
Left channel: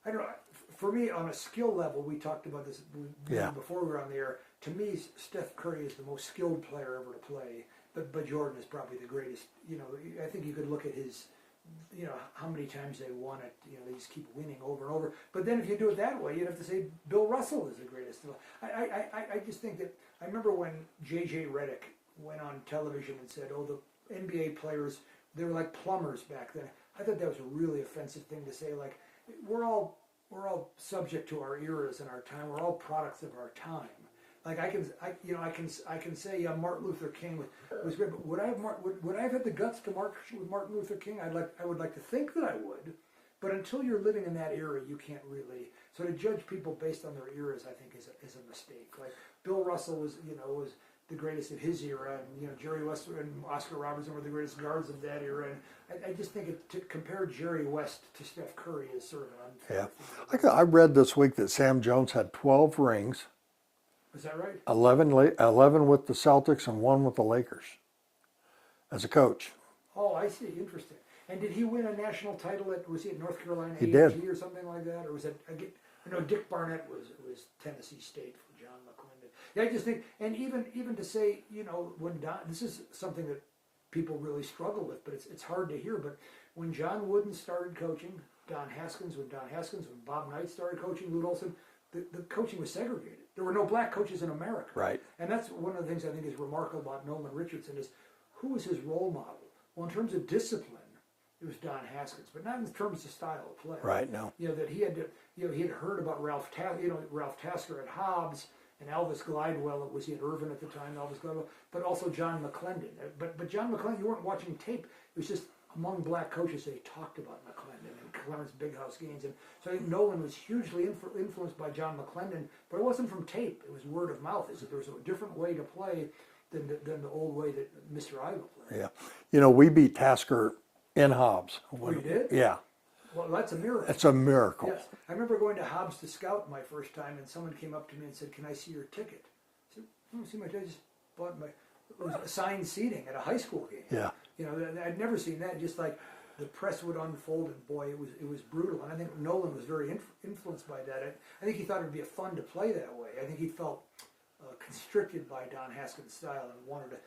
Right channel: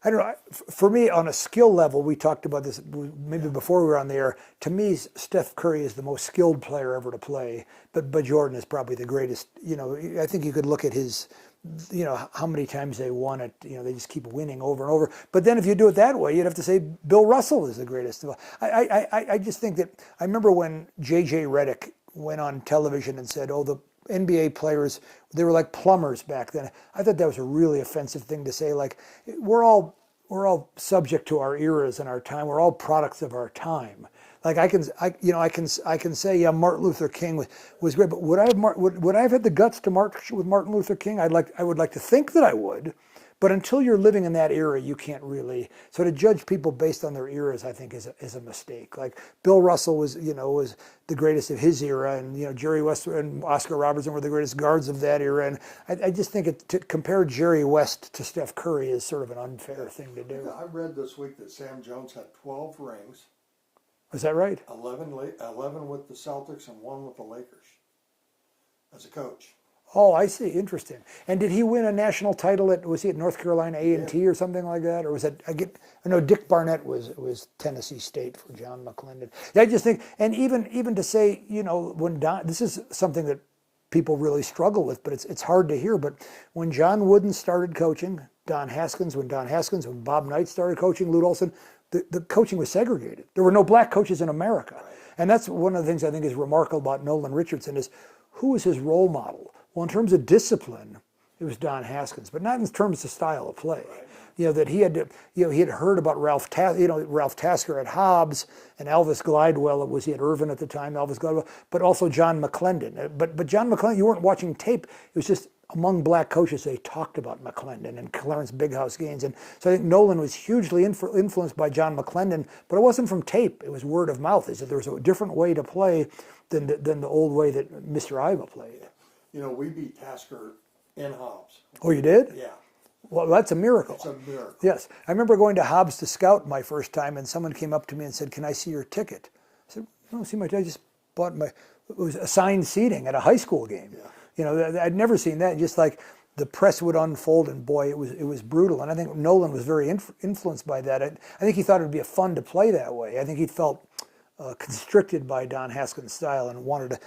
I don't know. For me, on a skill level, we talked about this maybe before we were on the air. To me, Steph Curry is the most skilled player ever to play, but Jordan is probably the greatest. I think you could look at his, how many times they won it. They just keep winning over and over. But then if you do it that way, you'd have to say Bill Russell is the greatest. I just think that I remember when J.J. Redick went on television and said, "Oh, the NBA players, they were like plumbers back then." I thought that was a really offensive thing to say. Like we're all subject to our eras and our time. We're all products of our time. Like I can say, yeah, Martin Luther King was great, but would I have had the guts to march with Martin Luther King? I would like to think that I would, but until you're living in that era, you can't really. So to judge people based on their eras, I think is a mistake. Like Bill Russell was the greatest of his era, and Jerry West and Oscar Robertson were the greatest guards of that era, and I just think to compare Jerry West to Steph Curry is sort of an unfair thing to do. I read this week that Sam Jones had 12 rings. Is that right? 11 with the Celtics and 1 with the Lakers as a coach. Oh, I see. Interesting. And did he win a national title was he at North Carolina A&T or something like that? Or was that, I know Dick Barnett was Tennessee State for John McClendon. I just think, and even to say, when this is something that people really struggle with, but it's hard to hear, but when John Wooden started coaching, when Bob Knight started coaching, Lute Olson, the coaching was segregated. There were no black coaches in America. Right. And that's one of the things I think is remarkable about Nolan Richardson is who was his role model? Well, in terms of discipline, it was Don Haskins, but not in terms of style of play. Right. No. That he had heard about Ralph Tasker at Hobbs and Elvis Glidewell. He at Irvin at the time, Elvis Glidewell, but also John McClendon. But John McClendon, you weren't watching tape. It was just among black coaches, they talked about McClendon and Clarence Big House Gaines. And so I think Nolan was hugely influenced by John McClendon, but it wasn't from tape. It was word of mouth. He said there was a different way to play than the old way that Mr. Iva played. Yeah. We beat Tasker in Hobbs. Oh, you did? Yeah. Well, that's a miracle. It's a miracle. Yes. I remember going to Hobbs to scout my first time, and someone came up to me and said, "Can I see your ticket?" I said, "No, see my ticket. I just bought it was assigned seating at a high school game." Yeah. I'd never seen that. Just like the press would unfold, and boy, it was brutal. And I think Nolan was very influenced by that. I think he thought it would be fun to play that way. I think he felt constricted by Don Haskins' style and wanted to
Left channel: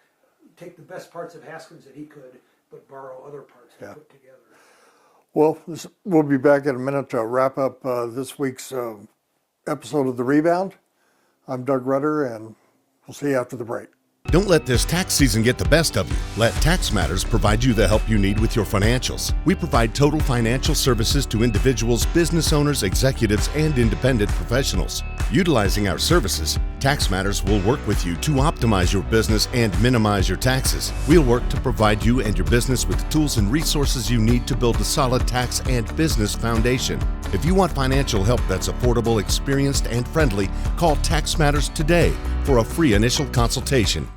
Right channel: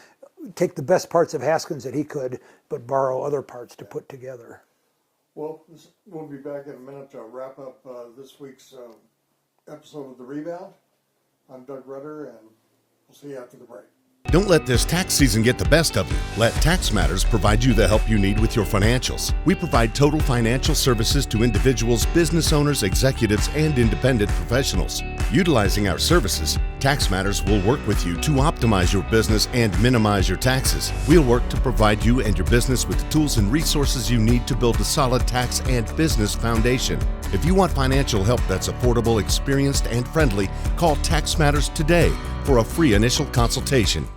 take the best parts of Haskins that he could, but borrow other parts to put together. Well, we'll be back in a minute to wrap up this week's episode of The Rebound. I'm Doug Rutter, and we'll see you after the break. Don't let this tax season get the best of you. Let Tax Matters provide you the help you need with your financials. We provide total financial services to individuals, business owners, executives, and independent professionals. Utilizing our services, Tax Matters will work with you to optimize your business and minimize your taxes. We'll work to provide you and your business with the tools and resources you need to build a solid tax and business foundation. If you want financial help that's affordable, experienced, and friendly, call Tax Matters today for a free initial consultation.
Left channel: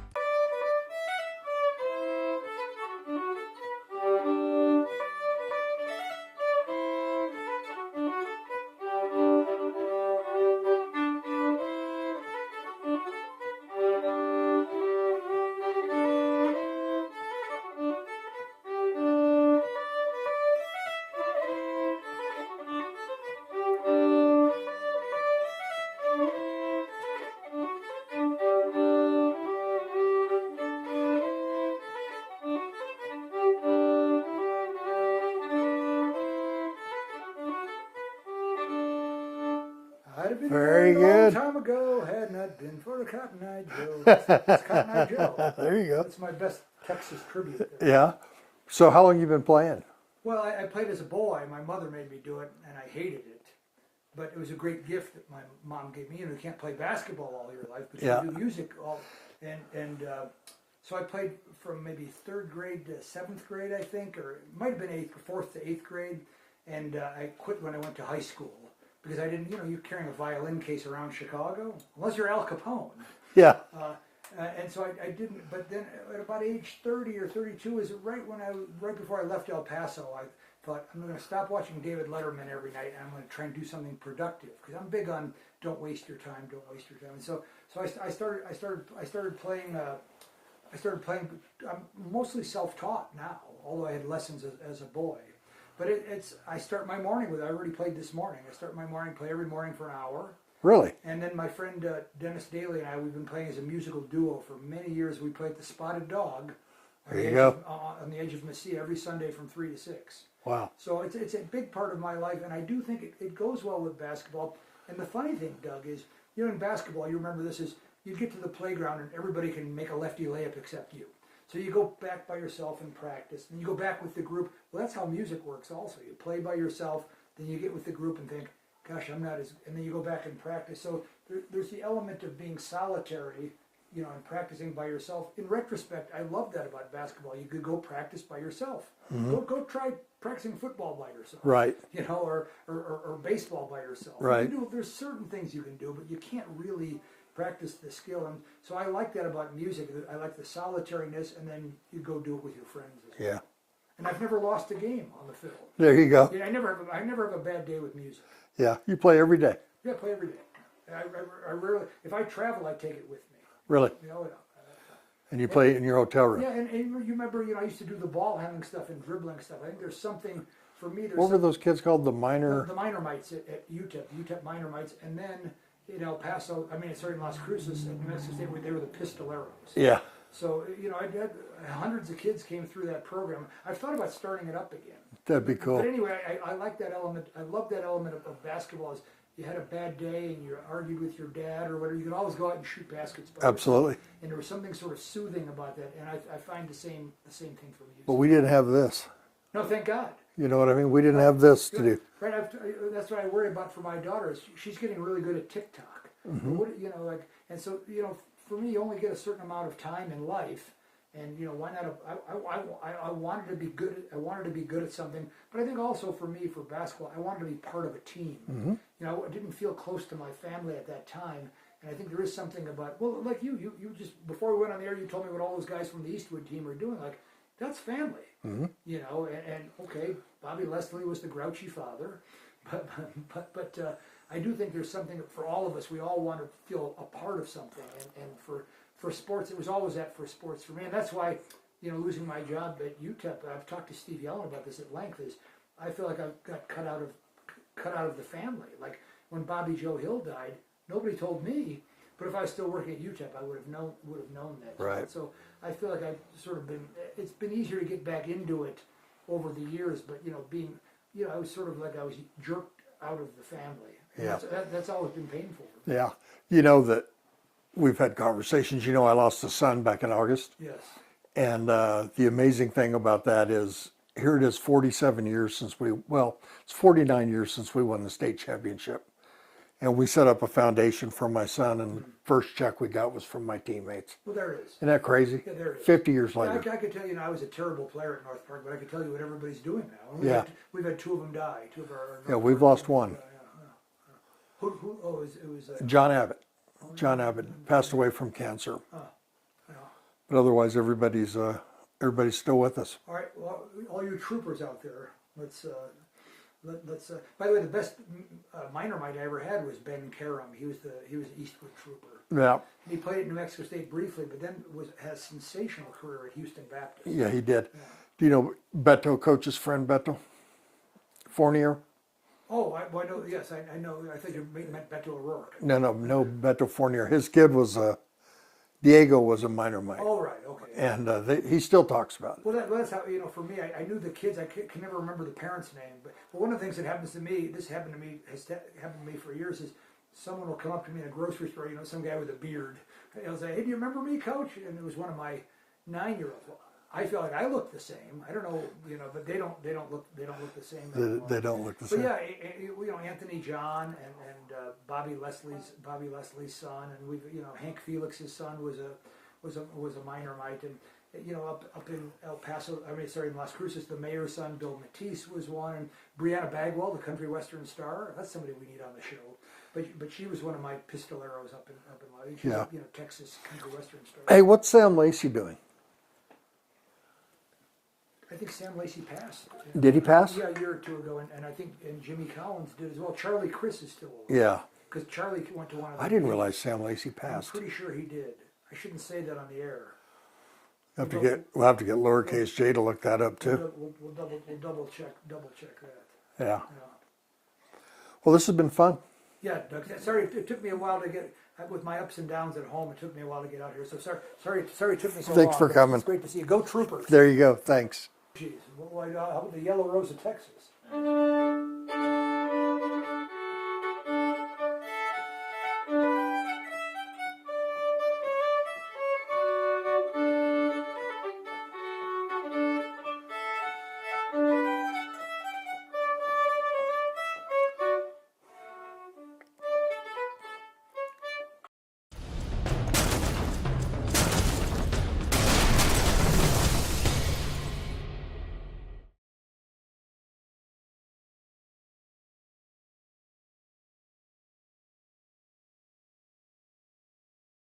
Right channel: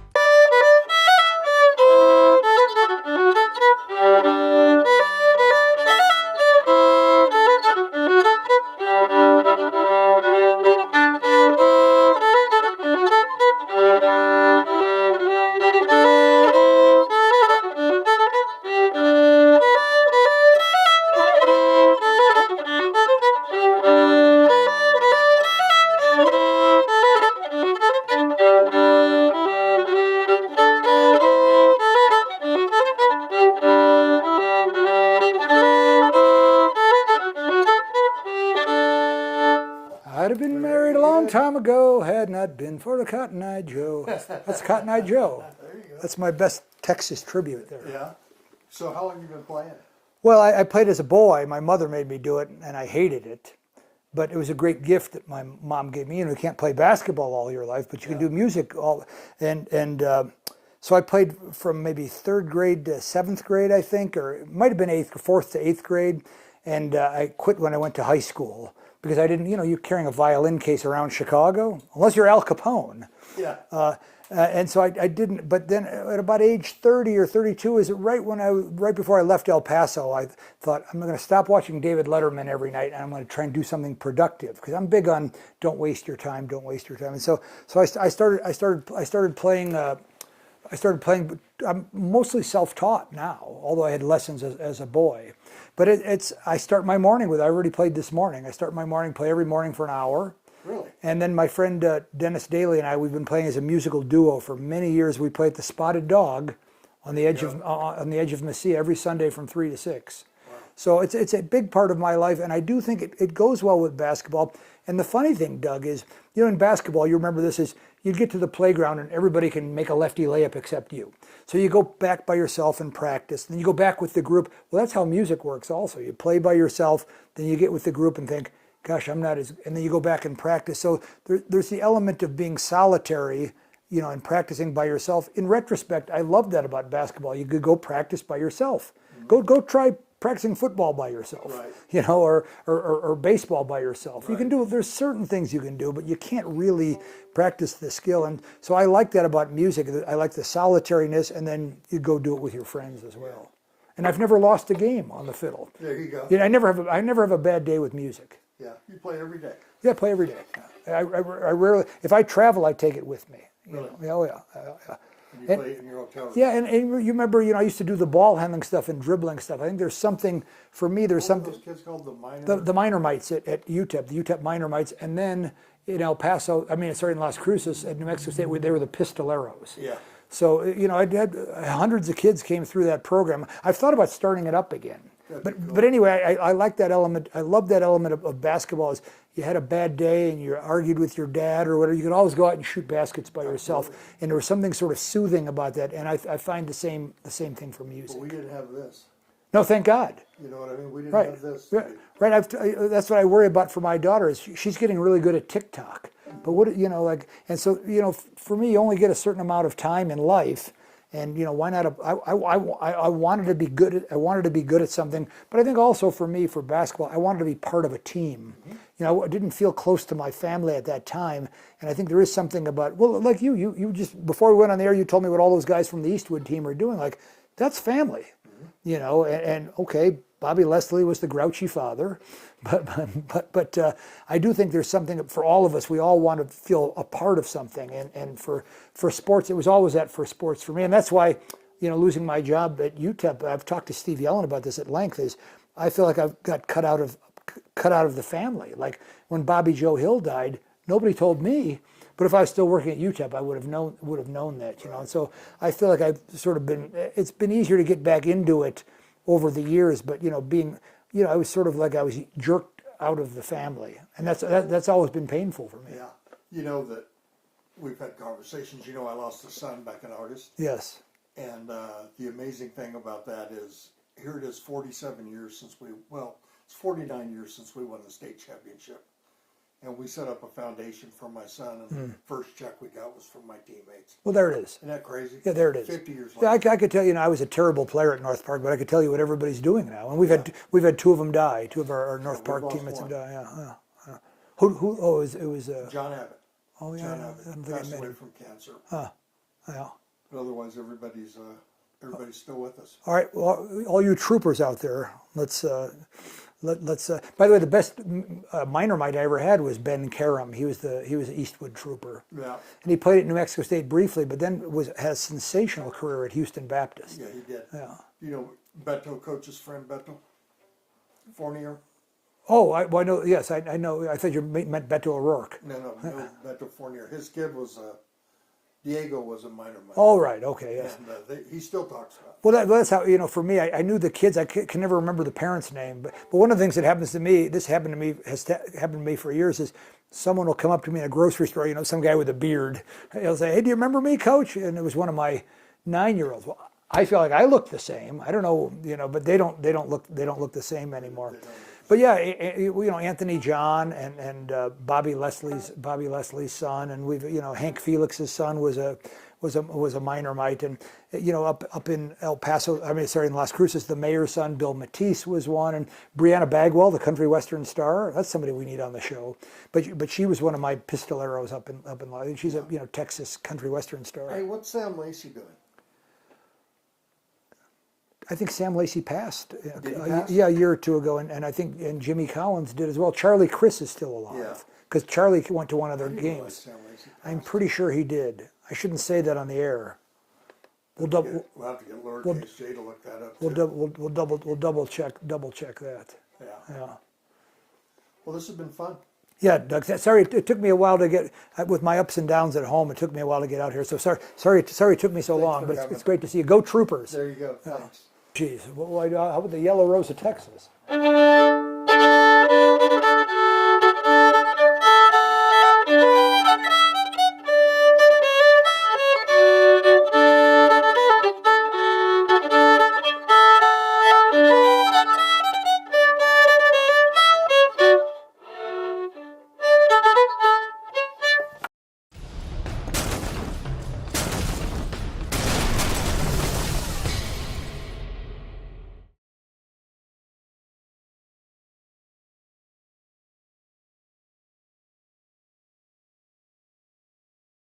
I'd have been Very married a long good. time ago had not been for the Cotton Eye Joe. That's Cotton Eye Joe. There you go. That's my best Texas tribute there. Yeah. So how long you been playing? Well, I played as a boy. My mother made me do it, and I hated it. But it was a great gift that my mom gave me. You know, you can't play basketball all your life, but you can do music all. So I played from maybe 3rd grade to 7th grade, I think, or it might have been 4th to 8th grade. And I quit when I went to high school because I didn't, you know, you're carrying a violin case around Chicago, unless you're Al Capone. Yeah. And so I didn't, but then at about age 30 or 32, is it right before I left El Paso, I thought I'm going to stop watching David Letterman every night and I'm going to try and do something productive because I'm big on don't waste your time. And so I started playing. I'm mostly self-taught now, although I had lessons as a boy. But I start my morning with, I already played this morning. I start my morning, play every morning for an hour. Really? And then my friend Dennis Daly and I, we've been playing as a musical duo for many years. We play at the Spotted Dog on the edge of Mesilla every Sunday from 3 to 6. Wow. So it's a big part of my life, and I do think it goes well with basketball. And the funny thing, Doug, is, you know, in basketball, you remember this, is you'd get to the playground and everybody can make a lefty layup except you. So you go back by yourself and practice, and then you go back with the group. Well, that's how music works also. You play by yourself, then you get with the group and think, gosh, I'm not as, and then you go back and practice. So there's the element of being solitary, you know, and practicing by yourself. In retrospect, I love that about basketball. You could go practice by yourself. Go try practicing football by yourself. Right. You know, or baseball by yourself. Right. You can do, there's certain things you can do, but you can't really practice the skill. And so I like that about music. I like the solitariness, and then you go do it with your friends as well. Yeah. And I've never lost a game on the fiddle. There you go. You know, I never have a bad day with music. Yeah. You play every day. Yeah, I play every day. I rarely, if I travel, I take it with me. Really? Oh yeah. And you play in your hotel room. Yeah, and you remember, you know, I used to do the ball handling stuff and dribbling stuff. I think there's something, for me, there's What something. were those kids called? The minor? The minor mites at UTEP, the UTEP minor mites, and then in El Paso, sorry, in Las Cruces at New Mexico State, they were the pistoleros. Yeah. So, you know, I had hundreds of kids came through that program. I've thought about starting it up again. That'd be cool. But anyway, I like that element. I love that element of basketball. Is you had a bad day and you argued with your dad or whatever, you could always go out and shoot baskets by Absolutely. yourself. And there was something sort of soothing about that. And I find the same thing for music. But we didn't have this. No, thank God. You know what I mean? We didn't have this to do. Right. That's what I worry about for my daughter. Is she's getting really good at TikTok. But what, you know, like, and so, you know, for me, you only get a certain amount of time in life. And, you know, why not? I wanted to be good. I wanted to be good at something. But I think also for me, for basketball, I wanted to be part of a team. You know, I didn't feel close to my family at that time. And I think there is something about, well, like you just, before we went on the air, you told me what all those guys from the Eastwood team are doing. Like, that's family. You know, and okay, Bobby Leslie was the grouchy father. But I do think there's something for all of us. We all want to feel a part of something, and for sports, it was always that for sports for me, and that's why, you know, losing my job at UTEP, I've talked to Steve Yellen about this at length. Is I feel like I've got cut out of the family. Like when Bobby Joe Hill died, nobody told me. But if I was still working at UTEP, I would have known that. You know? So I feel like I've sort of been. It's been easier to get back into it over the years, but you know, you know, I was sort of like I was jerked out of the family, and that's always been painful for me. Yeah. You know that we've had conversations. You know, I lost a son back in August. Yes. And the amazing thing about that is, here it is 47 years since it's 49 years since we won the state championship. And we set up a foundation for my son, and first check we got was from my teammates. Well, there it is. Isn't that crazy? Yeah, there it is. 50 years Yeah, later. I could tell you, I was a terrible player at North Park, but I could tell you what everybody's doing now. And we've had two of them die. Two of our North Park we've lost teammates one. die. Yeah. Who? Oh, it was. John Abbott. Oh, yeah. John Abbott passed away from cancer. Yeah. But otherwise, everybody's still with us. All right. Well, all you troopers out there, let's. By the way, the best minor mite I ever had was Ben Karam. He was an Eastwood trooper. Yeah. And he played at New Mexico State briefly, but then had a sensational career at Houston Baptist. Yeah, he did. Yeah. Do you know Beto, coach's friend Beto Fournier? Oh, I know. Yes, I know. I thought you meant Beto O'Rourke. No, Beto Fournier. His kid was Diego was a minor Mike. Oh, right, okay. Yeah. And he still talks about it. Well, that's how, for me, I knew the kids. I can never remember the parents' name. But one of the things that happens to me, this happened to me, happened to me for years, is someone will come up to me in a grocery store, some guy with a beard. He'll say, "Hey, do you remember me, Coach?" And it was one of my 9-year-olds. Well, I feel like I look the same. I don't know, but they don't look the same anymore. They don't look the But same. yeah, Anthony John and Bobby Leslie's son, and we've Hank Felix's son was a minor mite, and up in El Paso, in Las Cruces, the mayor's son, Bill Matisse, was one, and Brianna Bagwell, the country western star. That's somebody we need on the show. But she was one of my pistoleros up in she's a Texas country western star. Hey, what's Sam Lacey doing? I think Sam Lacey passed. Did he pass? Yeah, a year or two ago, and I think Jimmy Collins did as well. Charlie Chris is still alive. Yeah. Because Charlie went to one of the I didn't games. realize Sam Lacey passed. I'm pretty sure he did. I shouldn't say that on the air. We'll have to get lowercase j to look that up too. We'll double check that. Yeah. Yeah. Well, this has been fun. Yeah, Doug. Sorry, it took me a while to get with my ups and downs at home. It took me a while to get out here. So sorry it took me so long. Thanks for but coming. It's great to see you. Go Troopers. There you go. Thanks. Jeez, how about the Yellow Rose of Texas?